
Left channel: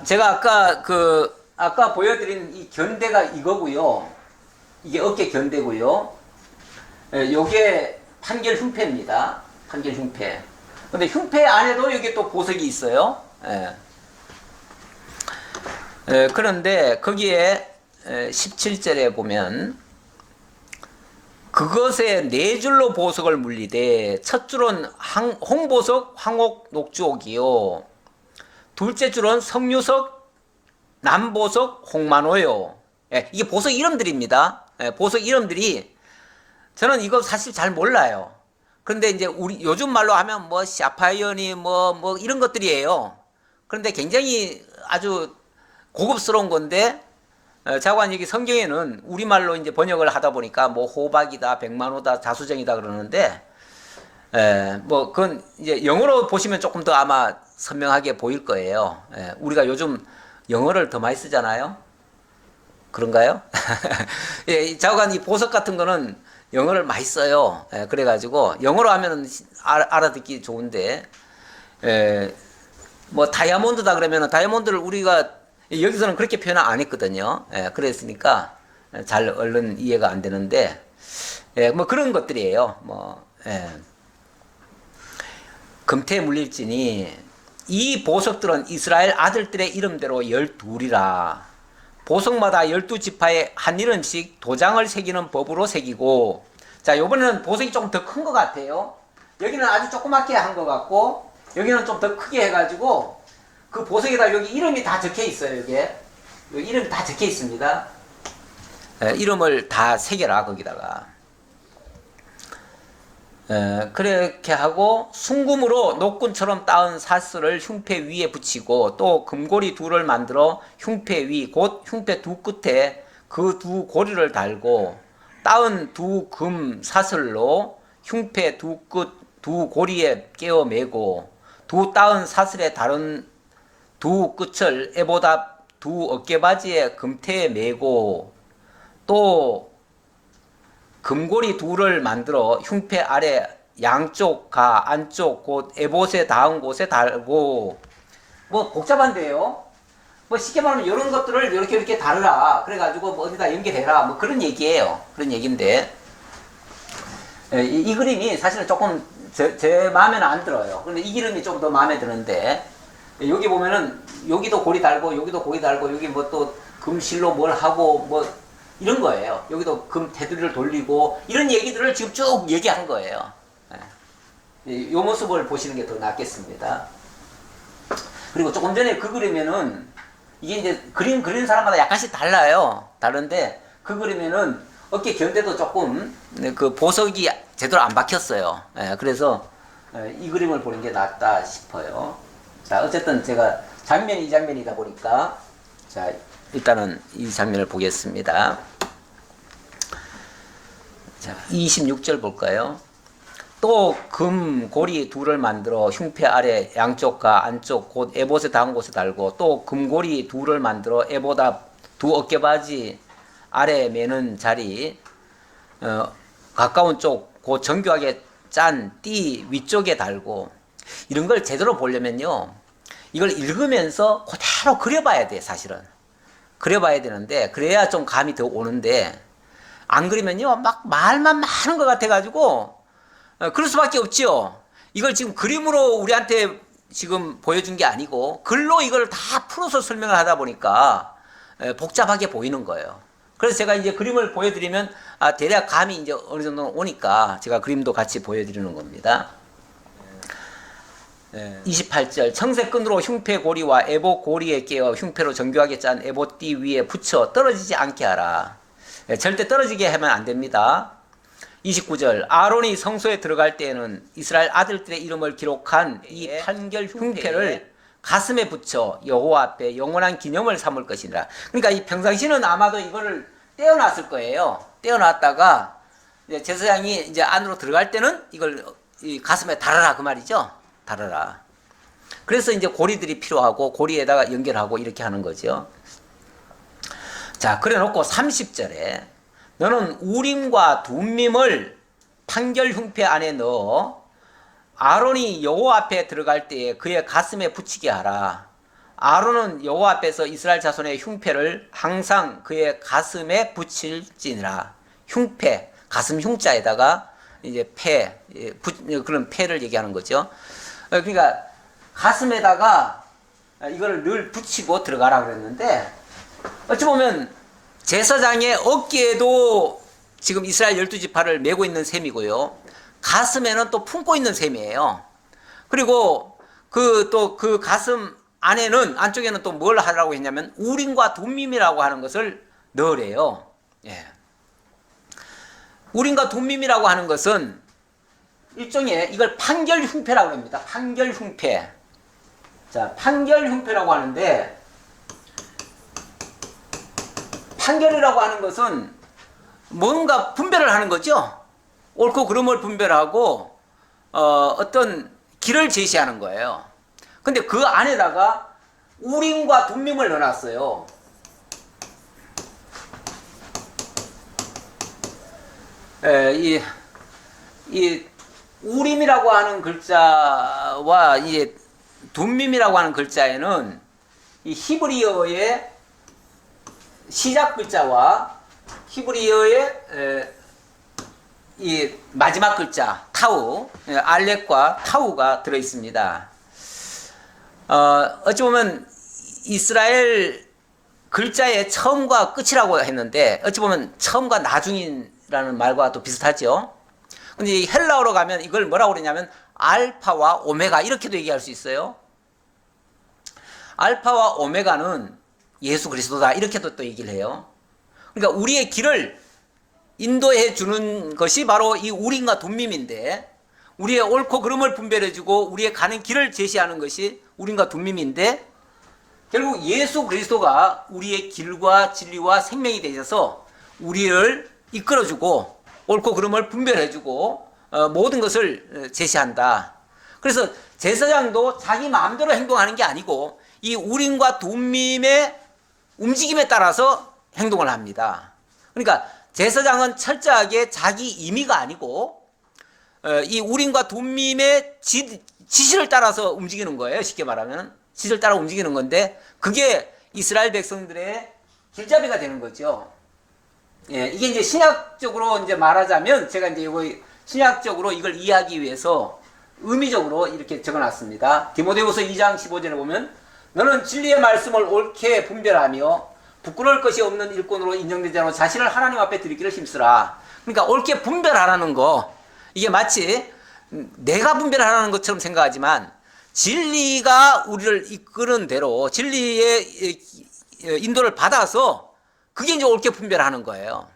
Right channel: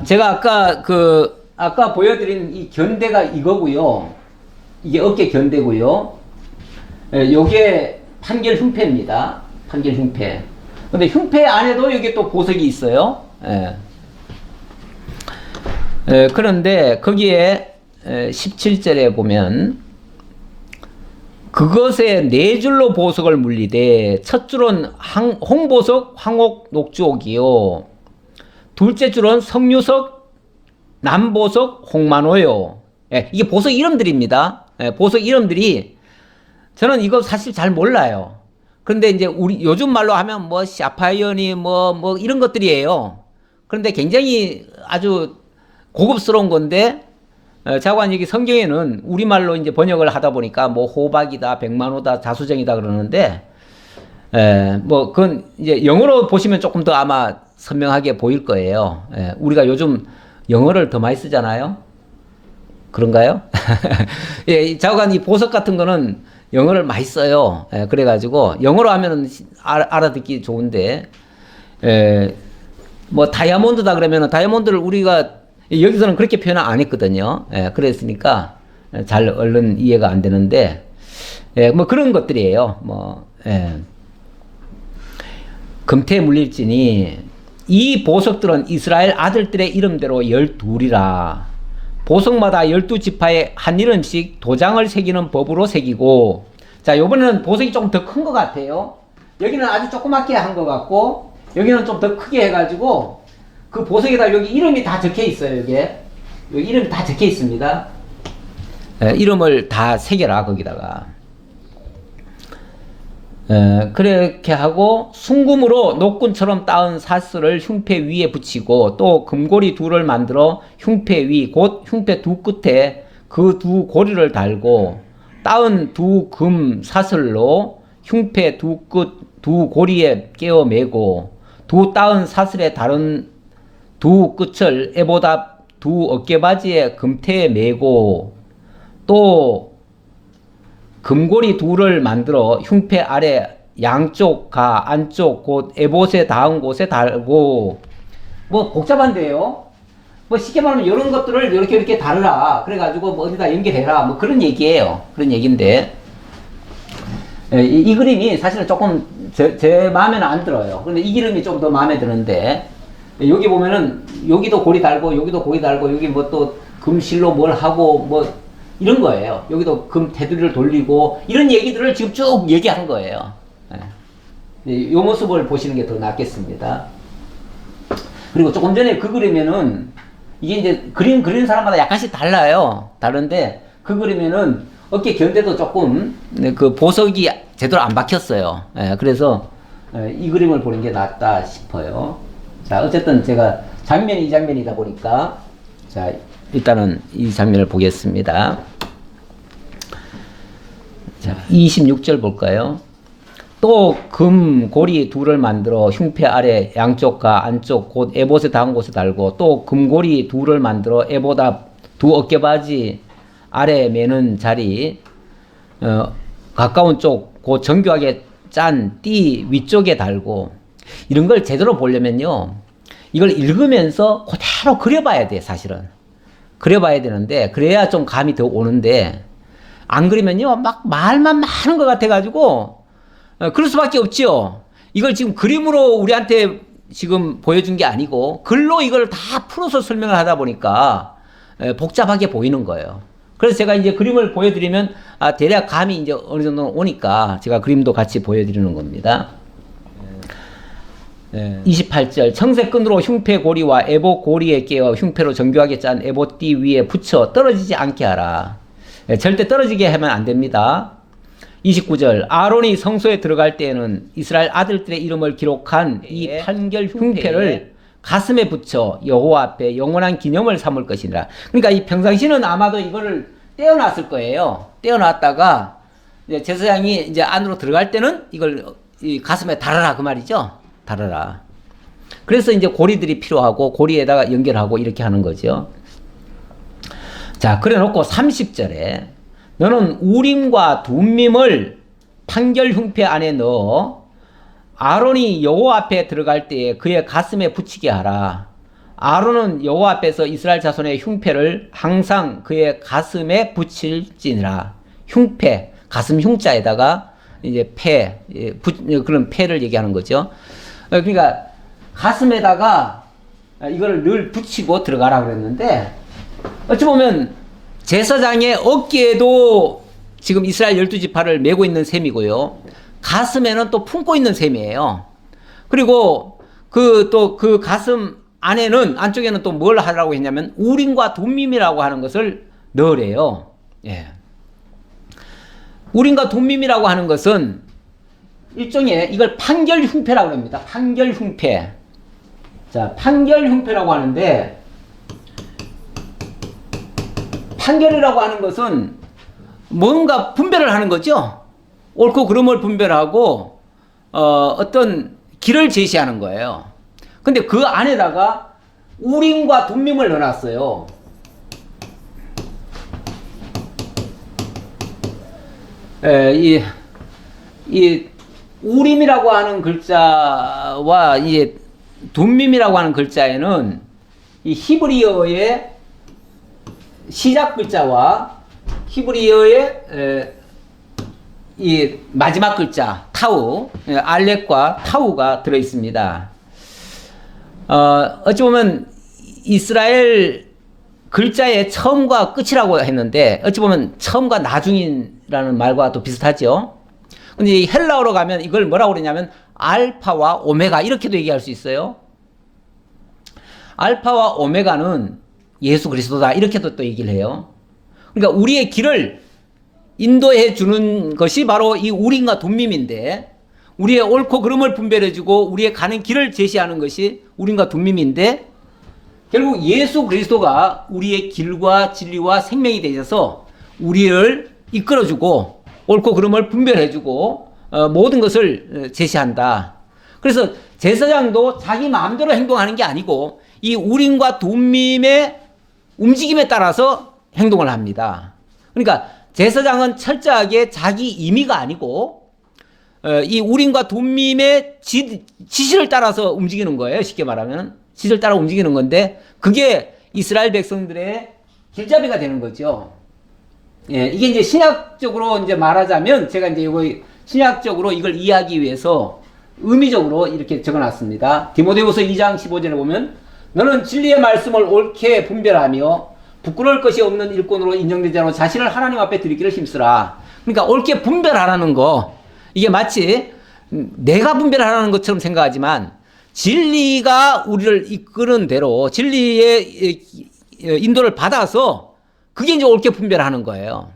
제가 아까 보여드린 이 견대가 이거고요. 이게 어깨 견대고요. 요게 판결 흉패입니다. 판결 흉패. 근데 흉패 안에도 여기 또 보석이 있어요. 그런데 거기에 17절에 보면 그것에 네 줄로 보석을 물리되 첫 줄은 홍보석, 황옥, 녹주옥이요. 둘째 줄은 석류석, 남보석, 홍만호요. 이게 보석 이름들입니다. 보석 이름들이 저는 이거 사실 잘 몰라요. 그런데 이제 우리 요즘 말로 하면 뭐 샤파이언이 뭐 이런 것들이에요. 그런데 굉장히 아주 고급스러운 건데, 자관 여기 성경에는 우리말로 이제 번역을 하다 보니까 뭐 호박이다, 백만호다, 자수정이다 그러는데, 뭐 그건 이제 영어로 보시면 조금 더 아마 선명하게 보일 거예요. 우리가 요즘 영어를 더 많이 쓰잖아요. 그런가요? 자관 이 보석 같은 거는 영어를 많이 써요. 그래가지고 영어로 하면은 알아듣기 좋은데, 뭐 다이아몬드다 그러면은 다이아몬드를 우리가 여기서는 그렇게 표현 안 했거든요. 그랬으니까 잘 얼른 이해가 안 되는데, 뭐 그런 것들이에요. 금태 물릴지니 이 보석들은 이스라엘 아들들의 이름대로 12이라. 보석마다 12지파에 한 이름씩 도장을 새기는 법으로 새기고. 자, 요번에는 보석이 조금 더 큰 것 같아요. 여기는 아주 조그맣게 한 것 같고, 여기는 좀 더 크게 해가지고 그 보석에다 여기 이름이 다 적혀 있어요. 여기 이름이 다 적혀 있습니다. 이름을 다 새겨라 거기다가. 그렇게 하고 순금으로 녹군처럼 따은 사슬을 흉패 위에 붙이고, 또 금고리 둘을 만들어 흉패 위 곧 흉패 두 끝에 그 두 고리를 달고, 따은 두 금 사슬로 흉패 두 끝 두 고리에 깨어 매고, 두 따은 사슬에 다른 두 끝을 에보다 두 어깨바지에 금태에 매고, 또 금고리 둘을 만들어 흉패 아래 양쪽 가 안쪽 곧 에봇에 닿은 곳에 달고. 뭐 복잡한데요. 뭐 쉽게 말하면 이런 것들을 이렇게 다르라. 그래가지고 뭐 어디다 연결해라. 뭐 그런 얘기예요. 그런 얘기인데, 이 그림이 사실은 조금 제 마음에는 안 들어요. 근데 이 그림이 좀 더 마음에 드는데, 여기 보면은 여기도 고리 달고 여기도 고리 달고 여기 뭐 또 금실로 뭘 하고 뭐 이런 거예요. 여기도 금 테두리를 돌리고 이런 얘기들을 지금 쭉 얘기한 거예요. 이 모습을 보시는 게 더 낫겠습니다. 그리고 조금 전에 그 그림에는 이게 이제 그림 그리는 사람마다 약간씩 달라요. 다른데 그 그림에는 어깨 견대도 조금 그 보석이 제대로 안 박혔어요. 그래서 이 그림을 보는 게 낫다 싶어요. 자, 어쨌든 제가 이 장면이다 보니까, 자, 일단은 이 장면을 보겠습니다. 자, 26절 볼까요? 또 금 고리 둘을 만들어 흉패 아래 양쪽과 안쪽 곧 에봇에 닿은 곳에 달고, 또 금고리 둘을 만들어 에봇 앞 두 어깨바지 아래 매는 자리 가까운 쪽 곧 정교하게 짠 띠 위쪽에 달고. 이런 걸 제대로 보려면요, 이걸 읽으면서 그대로 그려봐야 돼. 사실은 그려봐야 되는데, 그래야 좀 감이 더 오는데, 안 그리면요 막 말만 많은 것 같아가지고 그럴 수밖에 없죠. 이걸 지금 그림으로 우리한테 지금 보여준 게 아니고 글로 이걸 다 풀어서 설명을 하다 보니까 복잡하게 보이는 거예요. 그래서 제가 이제 그림을 보여드리면 대략 감이 이제 어느 정도 오니까 제가 그림도 같이 보여드리는 겁니다. 28절 청색끈으로 흉패 고리와 에봇 고리에 끼어 흉패로 정교하게 짠 에봇띠 위에 붙여 떨어지지 않게 하라. 절대 떨어지게 하면 안 됩니다. 29절 아론이 성소에 들어갈 때에는 이스라엘 아들들의 이름을 기록한 이 판결 흉패를 가슴에 붙여 여호와 앞에 영원한 기념을 삼을 것이니라. 그러니까 이 평상시는 아마도 이거를 떼어놨을 거예요. 떼어놨다가 이제 제사장이 이제 안으로 들어갈 때는 이걸 이 가슴에 달아라 그 말이죠. 달아라. 그래서 이제 고리들이 필요하고 고리에다가 연결하고 이렇게 하는 거죠. 자, 그래 놓고 30절에 너는 우림과 둠밈을 판결 흉패 안에 넣어 아론이 여호와 앞에 들어갈 때에 그의 가슴에 붙이게 하라. 아론은 여호와 앞에서 이스라엘 자손의 흉패를 항상 그의 가슴에 붙일지니라. 흉패, 가슴 흉자에다가 이제 폐, 그런 폐를 얘기하는 거죠. 그러니까 가슴에다가 이거를 늘 붙이고 들어가라 그랬는데 어찌 보면 제사장의 어깨에도 지금 이스라엘 12지파를 메고 있는 셈이고요. 가슴에는 또 품고 있는 셈이에요. 그리고 그 가슴 안쪽에는 또 뭘 하라고 했냐면 우림과 둠밈이라고 하는 것을 넣으래요. 예. 우림과 둠밈이라고 하는 것은 일종의 이걸 판결 흉패라고 합니다. 판결 흉패. 자, 판결 흉패라고 하는데 판결이라고 하는 것은 뭔가 분별을 하는 거죠. 옳고 그름을 분별하고 어떤 길을 제시하는 거예요. 근데 그 안에다가 우림과 둠밈을 넣어놨어요. 이 우림이라고 하는 글자와 이 둠밈이라고 하는 글자에는 이 히브리어의 시작 글자와 히브리어의 이 마지막 글자 타우, 알렉과 타우가 들어 있습니다. 어찌 보면 이스라엘 글자의 처음과 끝이라고 했는데 어찌 보면 처음과 나중이라는 말과 또 비슷하죠. 근데 이 헬라어로 가면 이걸 뭐라고 그러냐면 알파와 오메가 이렇게도 얘기할 수 있어요. 알파와 오메가는 예수 그리스도다 이렇게도 또 얘기를 해요. 그러니까 우리의 길을 인도해 주는 것이 바로 이 우림과 둠밈인데 우리의 옳고 그름을 분별해주고 우리의 가는 길을 제시하는 것이 우림과 둠밈인데 결국 예수 그리스도가 우리의 길과 진리와 생명이 되셔서 우리를 이끌어주고 옳고 그름을 분별해주고 모든 것을 제시한다. 그래서 제사장도 자기 마음대로 행동하는 게 아니고 이 우림과 둠밈의 움직임에 따라서 행동을 합니다. 그러니까 제사장은 철저하게 자기 임의가 아니고 이 우림과 둠밈의 지시를 따라서 움직이는 거예요. 쉽게 말하면 지시를 따라 움직이는 건데 그게 이스라엘 백성들의 길잡이가 되는 거죠. 예, 이게 이제 신약적으로 이제 말하자면 제가 이제 이거 신약적으로 이걸 이해하기 위해서 의미적으로 이렇게 적어놨습니다. 디모데후서 2장 15절에 보면 너는 진리의 말씀을 옳게 분별하며 부끄러울 것이 없는 일꾼으로 인정되지 않고 자신을 하나님 앞에 드리기를 힘쓰라. 그러니까 옳게 분별하라는 거 이게 마치 내가 분별하라는 것처럼 생각하지만 진리가 우리를 이끄는 대로 진리의 인도를 받아서 그게 이제 옳게 분별하는 거예요.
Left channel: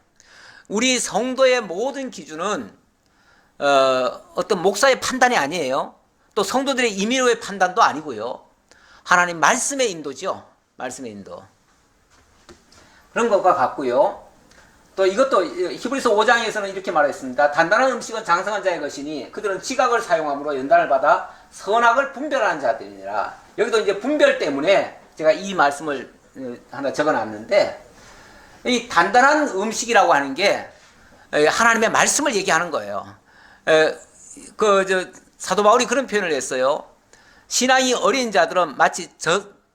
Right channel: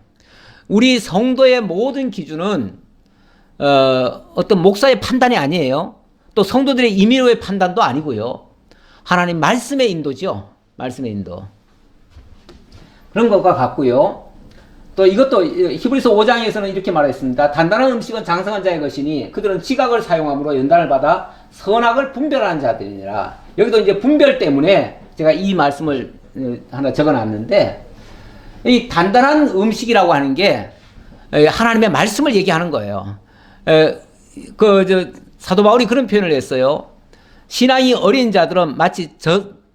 우리 성도의 모든 기준은 어떤 목사의 판단이 아니에요. 또 성도들의 임의로의 판단도 아니고요. 하나님 말씀의 인도죠. 말씀의 인도. 그런 것과 같고요. 또 이것도 히브리서 5장에서는 이렇게 말했습니다. 단단한 음식은 장성한 자의 것이니 그들은 지각을 사용함으로 연단을 받아 선악을 분별하는 자들이니라. 여기도 이제 분별 때문에 제가 이 말씀을 하나 적어놨는데 이 단단한 음식이라고 하는 게 하나님의 말씀을 얘기하는 거예요. 사도 바울이 그런 표현을 했어요. 신앙이 어린 자들은 마치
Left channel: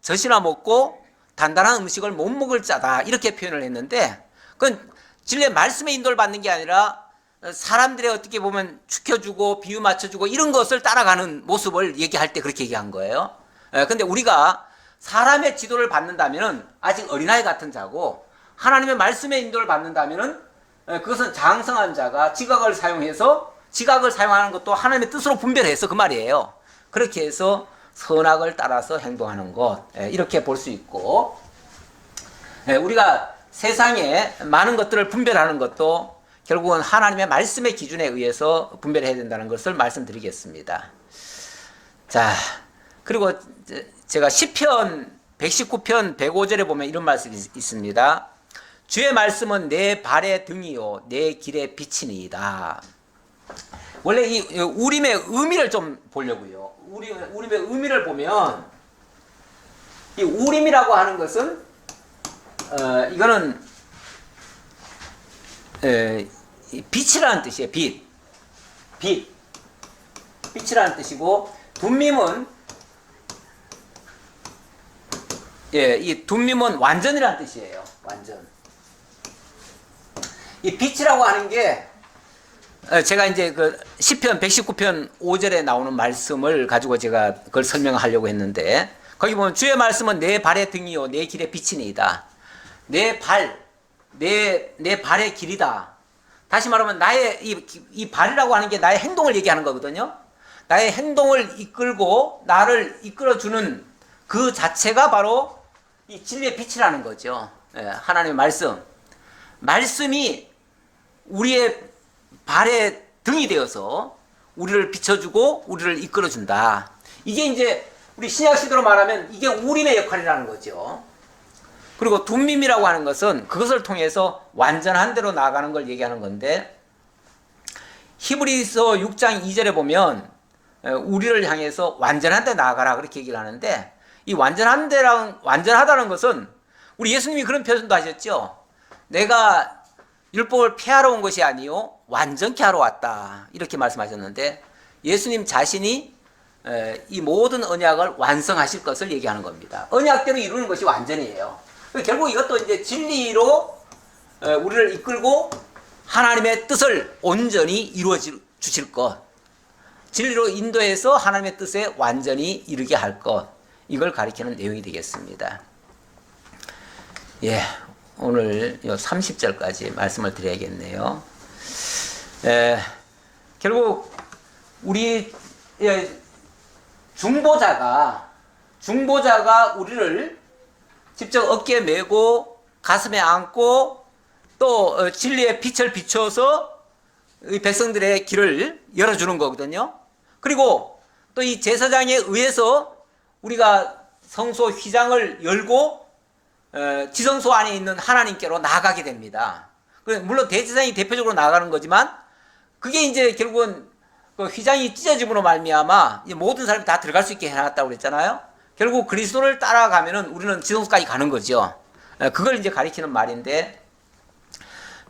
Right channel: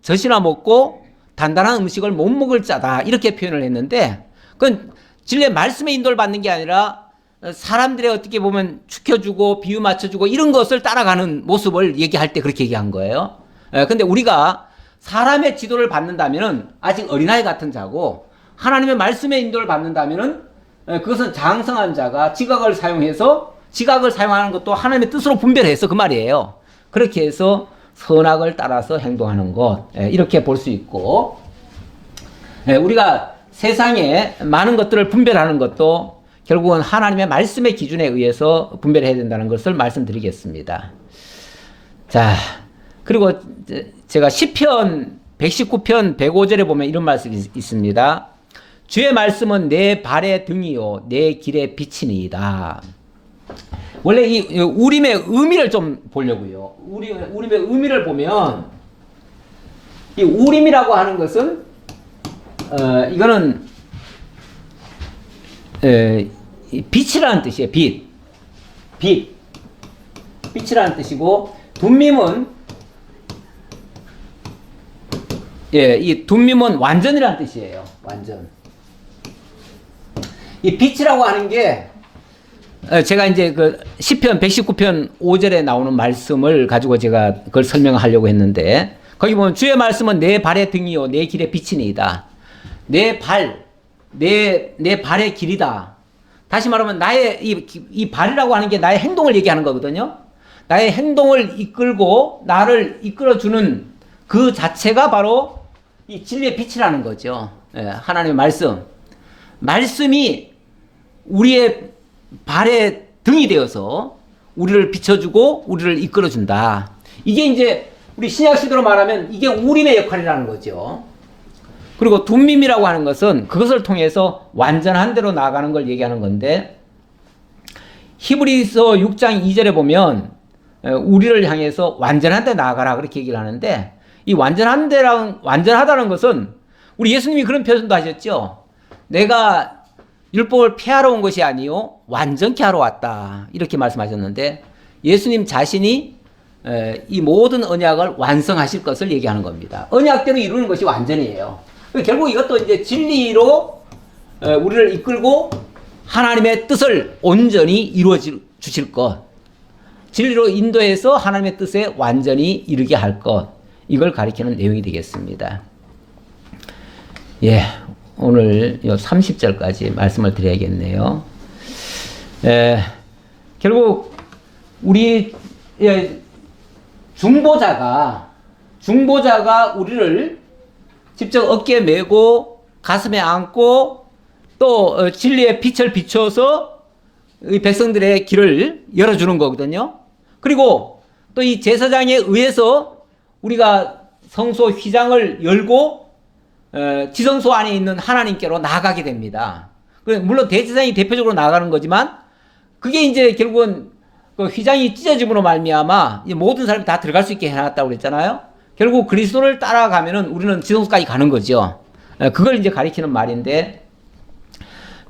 젖이나 먹고 단단한 음식을 못 먹을 자다 이렇게 표현을 했는데 그건 진리의 말씀의 인도를 받는 게 아니라 사람들의 어떻게 보면 축혀주고 비유 맞춰주고 이런 것을 따라가는 모습을 얘기할 때 그렇게 얘기한 거예요. 근데 우리가 사람의 지도를 받는다면 아직 어린아이 같은 자고 하나님의 말씀의 인도를 받는다면 그것은 장성한 자가 지각을 사용해서 지각을 사용하는 것도 하나님의 뜻으로 분별해서 그 말이에요. 그렇게 해서 선악을 따라서 행동하는 것, 이렇게 볼 수 있고, 우리가 세상에 많은 것들을 분별하는 것도 결국은 하나님의 말씀의 기준에 의해서 분별해야 된다는 것을 말씀드리겠습니다. 자, 그리고 제가 시편 119편 105절에 보면 이런 말씀이 있습니다. 주의 말씀은 내 발의 등이요 내 길의 빛이니이다. 원래 이 우림의 의미를 좀 보려고요. 우림의 의미를 보면 이 우림이라고 하는 것은 이거는 빛이라는 뜻이에요. 빛이라는 뜻이고, 둠밈은 이 둠밈은 완전이라는 뜻이에요. 완전. 이 빛이라고 하는 게 제가 이제 그 시편 119편 5절에 나오는 말씀을 가지고 제가 그걸 설명하려고 했는데, 거기 보면 주의 말씀은 내 발의 등이요 내 길의 빛이니이다. 내 발의 길이다. 다시 말하면 나의 이 발이라고 하는 게 나의 행동을 얘기하는 거거든요. 나의 행동을 이끌고 나를 이끌어주는 그 자체가 바로 이 진리의 빛이라는 거죠. 하나님의 말씀이 우리의 발의 등이 되어서 우리를 비춰주고 우리를 이끌어준다. 이게 이제 우리 신약 시대로 말하면 이게 우림의 역할이라는 거죠. 그리고 둠밈이라고 하는 것은 그것을 통해서 완전한 대로 나아가는 걸 얘기하는 건데, 히브리서 6장 2절에 보면 우리를 향해서 완전한 데 나아가라 그렇게 얘기를 하는데, 이 완전하다는 것은 우리 예수님이 그런 표현도 하셨죠. 내가 율법을 폐하러 온 것이 아니요 완전케 하러 왔다 이렇게 말씀하셨는데, 예수님 자신이 이 모든 언약을 완성하실 것을 얘기하는 겁니다. 언약대로 이루는 것이 완전이에요. 결국 이것도 이제 진리로 우리를 이끌고 하나님의 뜻을 온전히 이루어 주실 것, 진리로 인도해서 하나님의 뜻에 완전히 이르게 할 것, 이걸 가리키는 내용이 되겠습니다. 오늘 30절까지 말씀을 드려야겠네요. 결국 우리 중보자가 우리를 직접 어깨에 메고 가슴에 안고 또 진리의 빛을 비춰서 이 백성들의 길을 열어주는 거거든요. 그리고 또 이 제사장에 의해서 우리가 성소 휘장을 열고 지성소 안에 있는 하나님께로 나아가게 됩니다. 물론 대제사장이 대표적으로 나아가는 거지만, 그게 이제 결국은 그 휘장이 찢어짐으로 말미암아 모든 사람이 다 들어갈 수 있게 해놨다고 그랬잖아요. 결국 그리스도를 따라가면은 우리는 지성소까지 가는 거죠. 그걸 이제 가리키는 말인데,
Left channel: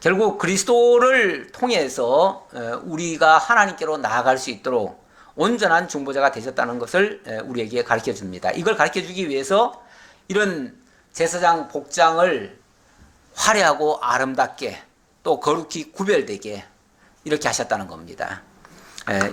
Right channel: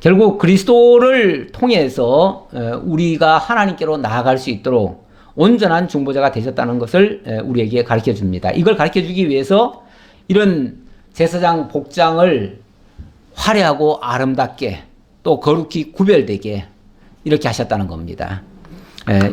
결국 그리스도를 통해서 우리가 하나님께로 나아갈 수 있도록 온전한 중보자가 되셨다는 것을 우리에게 가르쳐 줍니다. 이걸 가르쳐 주기 위해서 이런 제사장 복장을 화려하고 아름답게 또 거룩히 구별되게 이렇게 하셨다는 겁니다.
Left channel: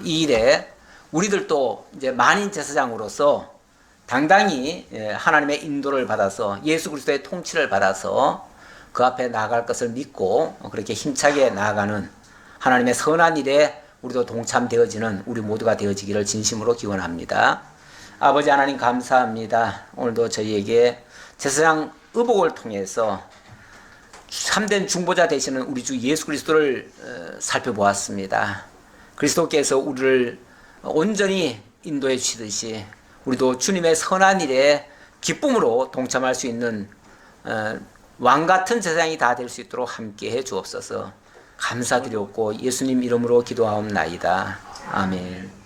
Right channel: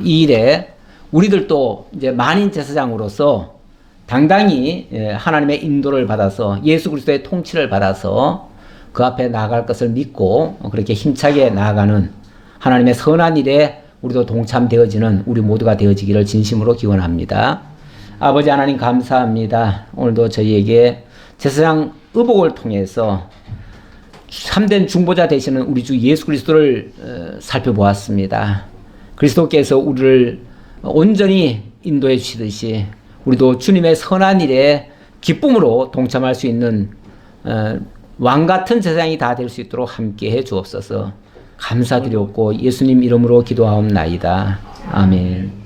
이 일에 우리들도 이제 만인 제사장으로서 당당히 하나님의 인도를 받아서 예수 그리스도의 통치를 받아서 그 앞에 나아갈 것을 믿고 그렇게 힘차게 나아가는 하나님의 선한 일에 우리도 동참되어지는 우리 모두가 되어지기를 진심으로 기원합니다. 아버지 하나님 감사합니다. 오늘도 저희에게 제사장 의복을 통해서 참된 중보자 되시는 우리 주 예수 그리스도를 살펴보았습니다. 그리스도께서 우리를 온전히 인도해 주시듯이 우리도 주님의 선한 일에 기쁨으로 동참할 수 있는 왕같은 제사장이 다 될 수 있도록 함께해 주옵소서. 감사드렸고 예수님 이름으로 기도하옵나이다. 아멘.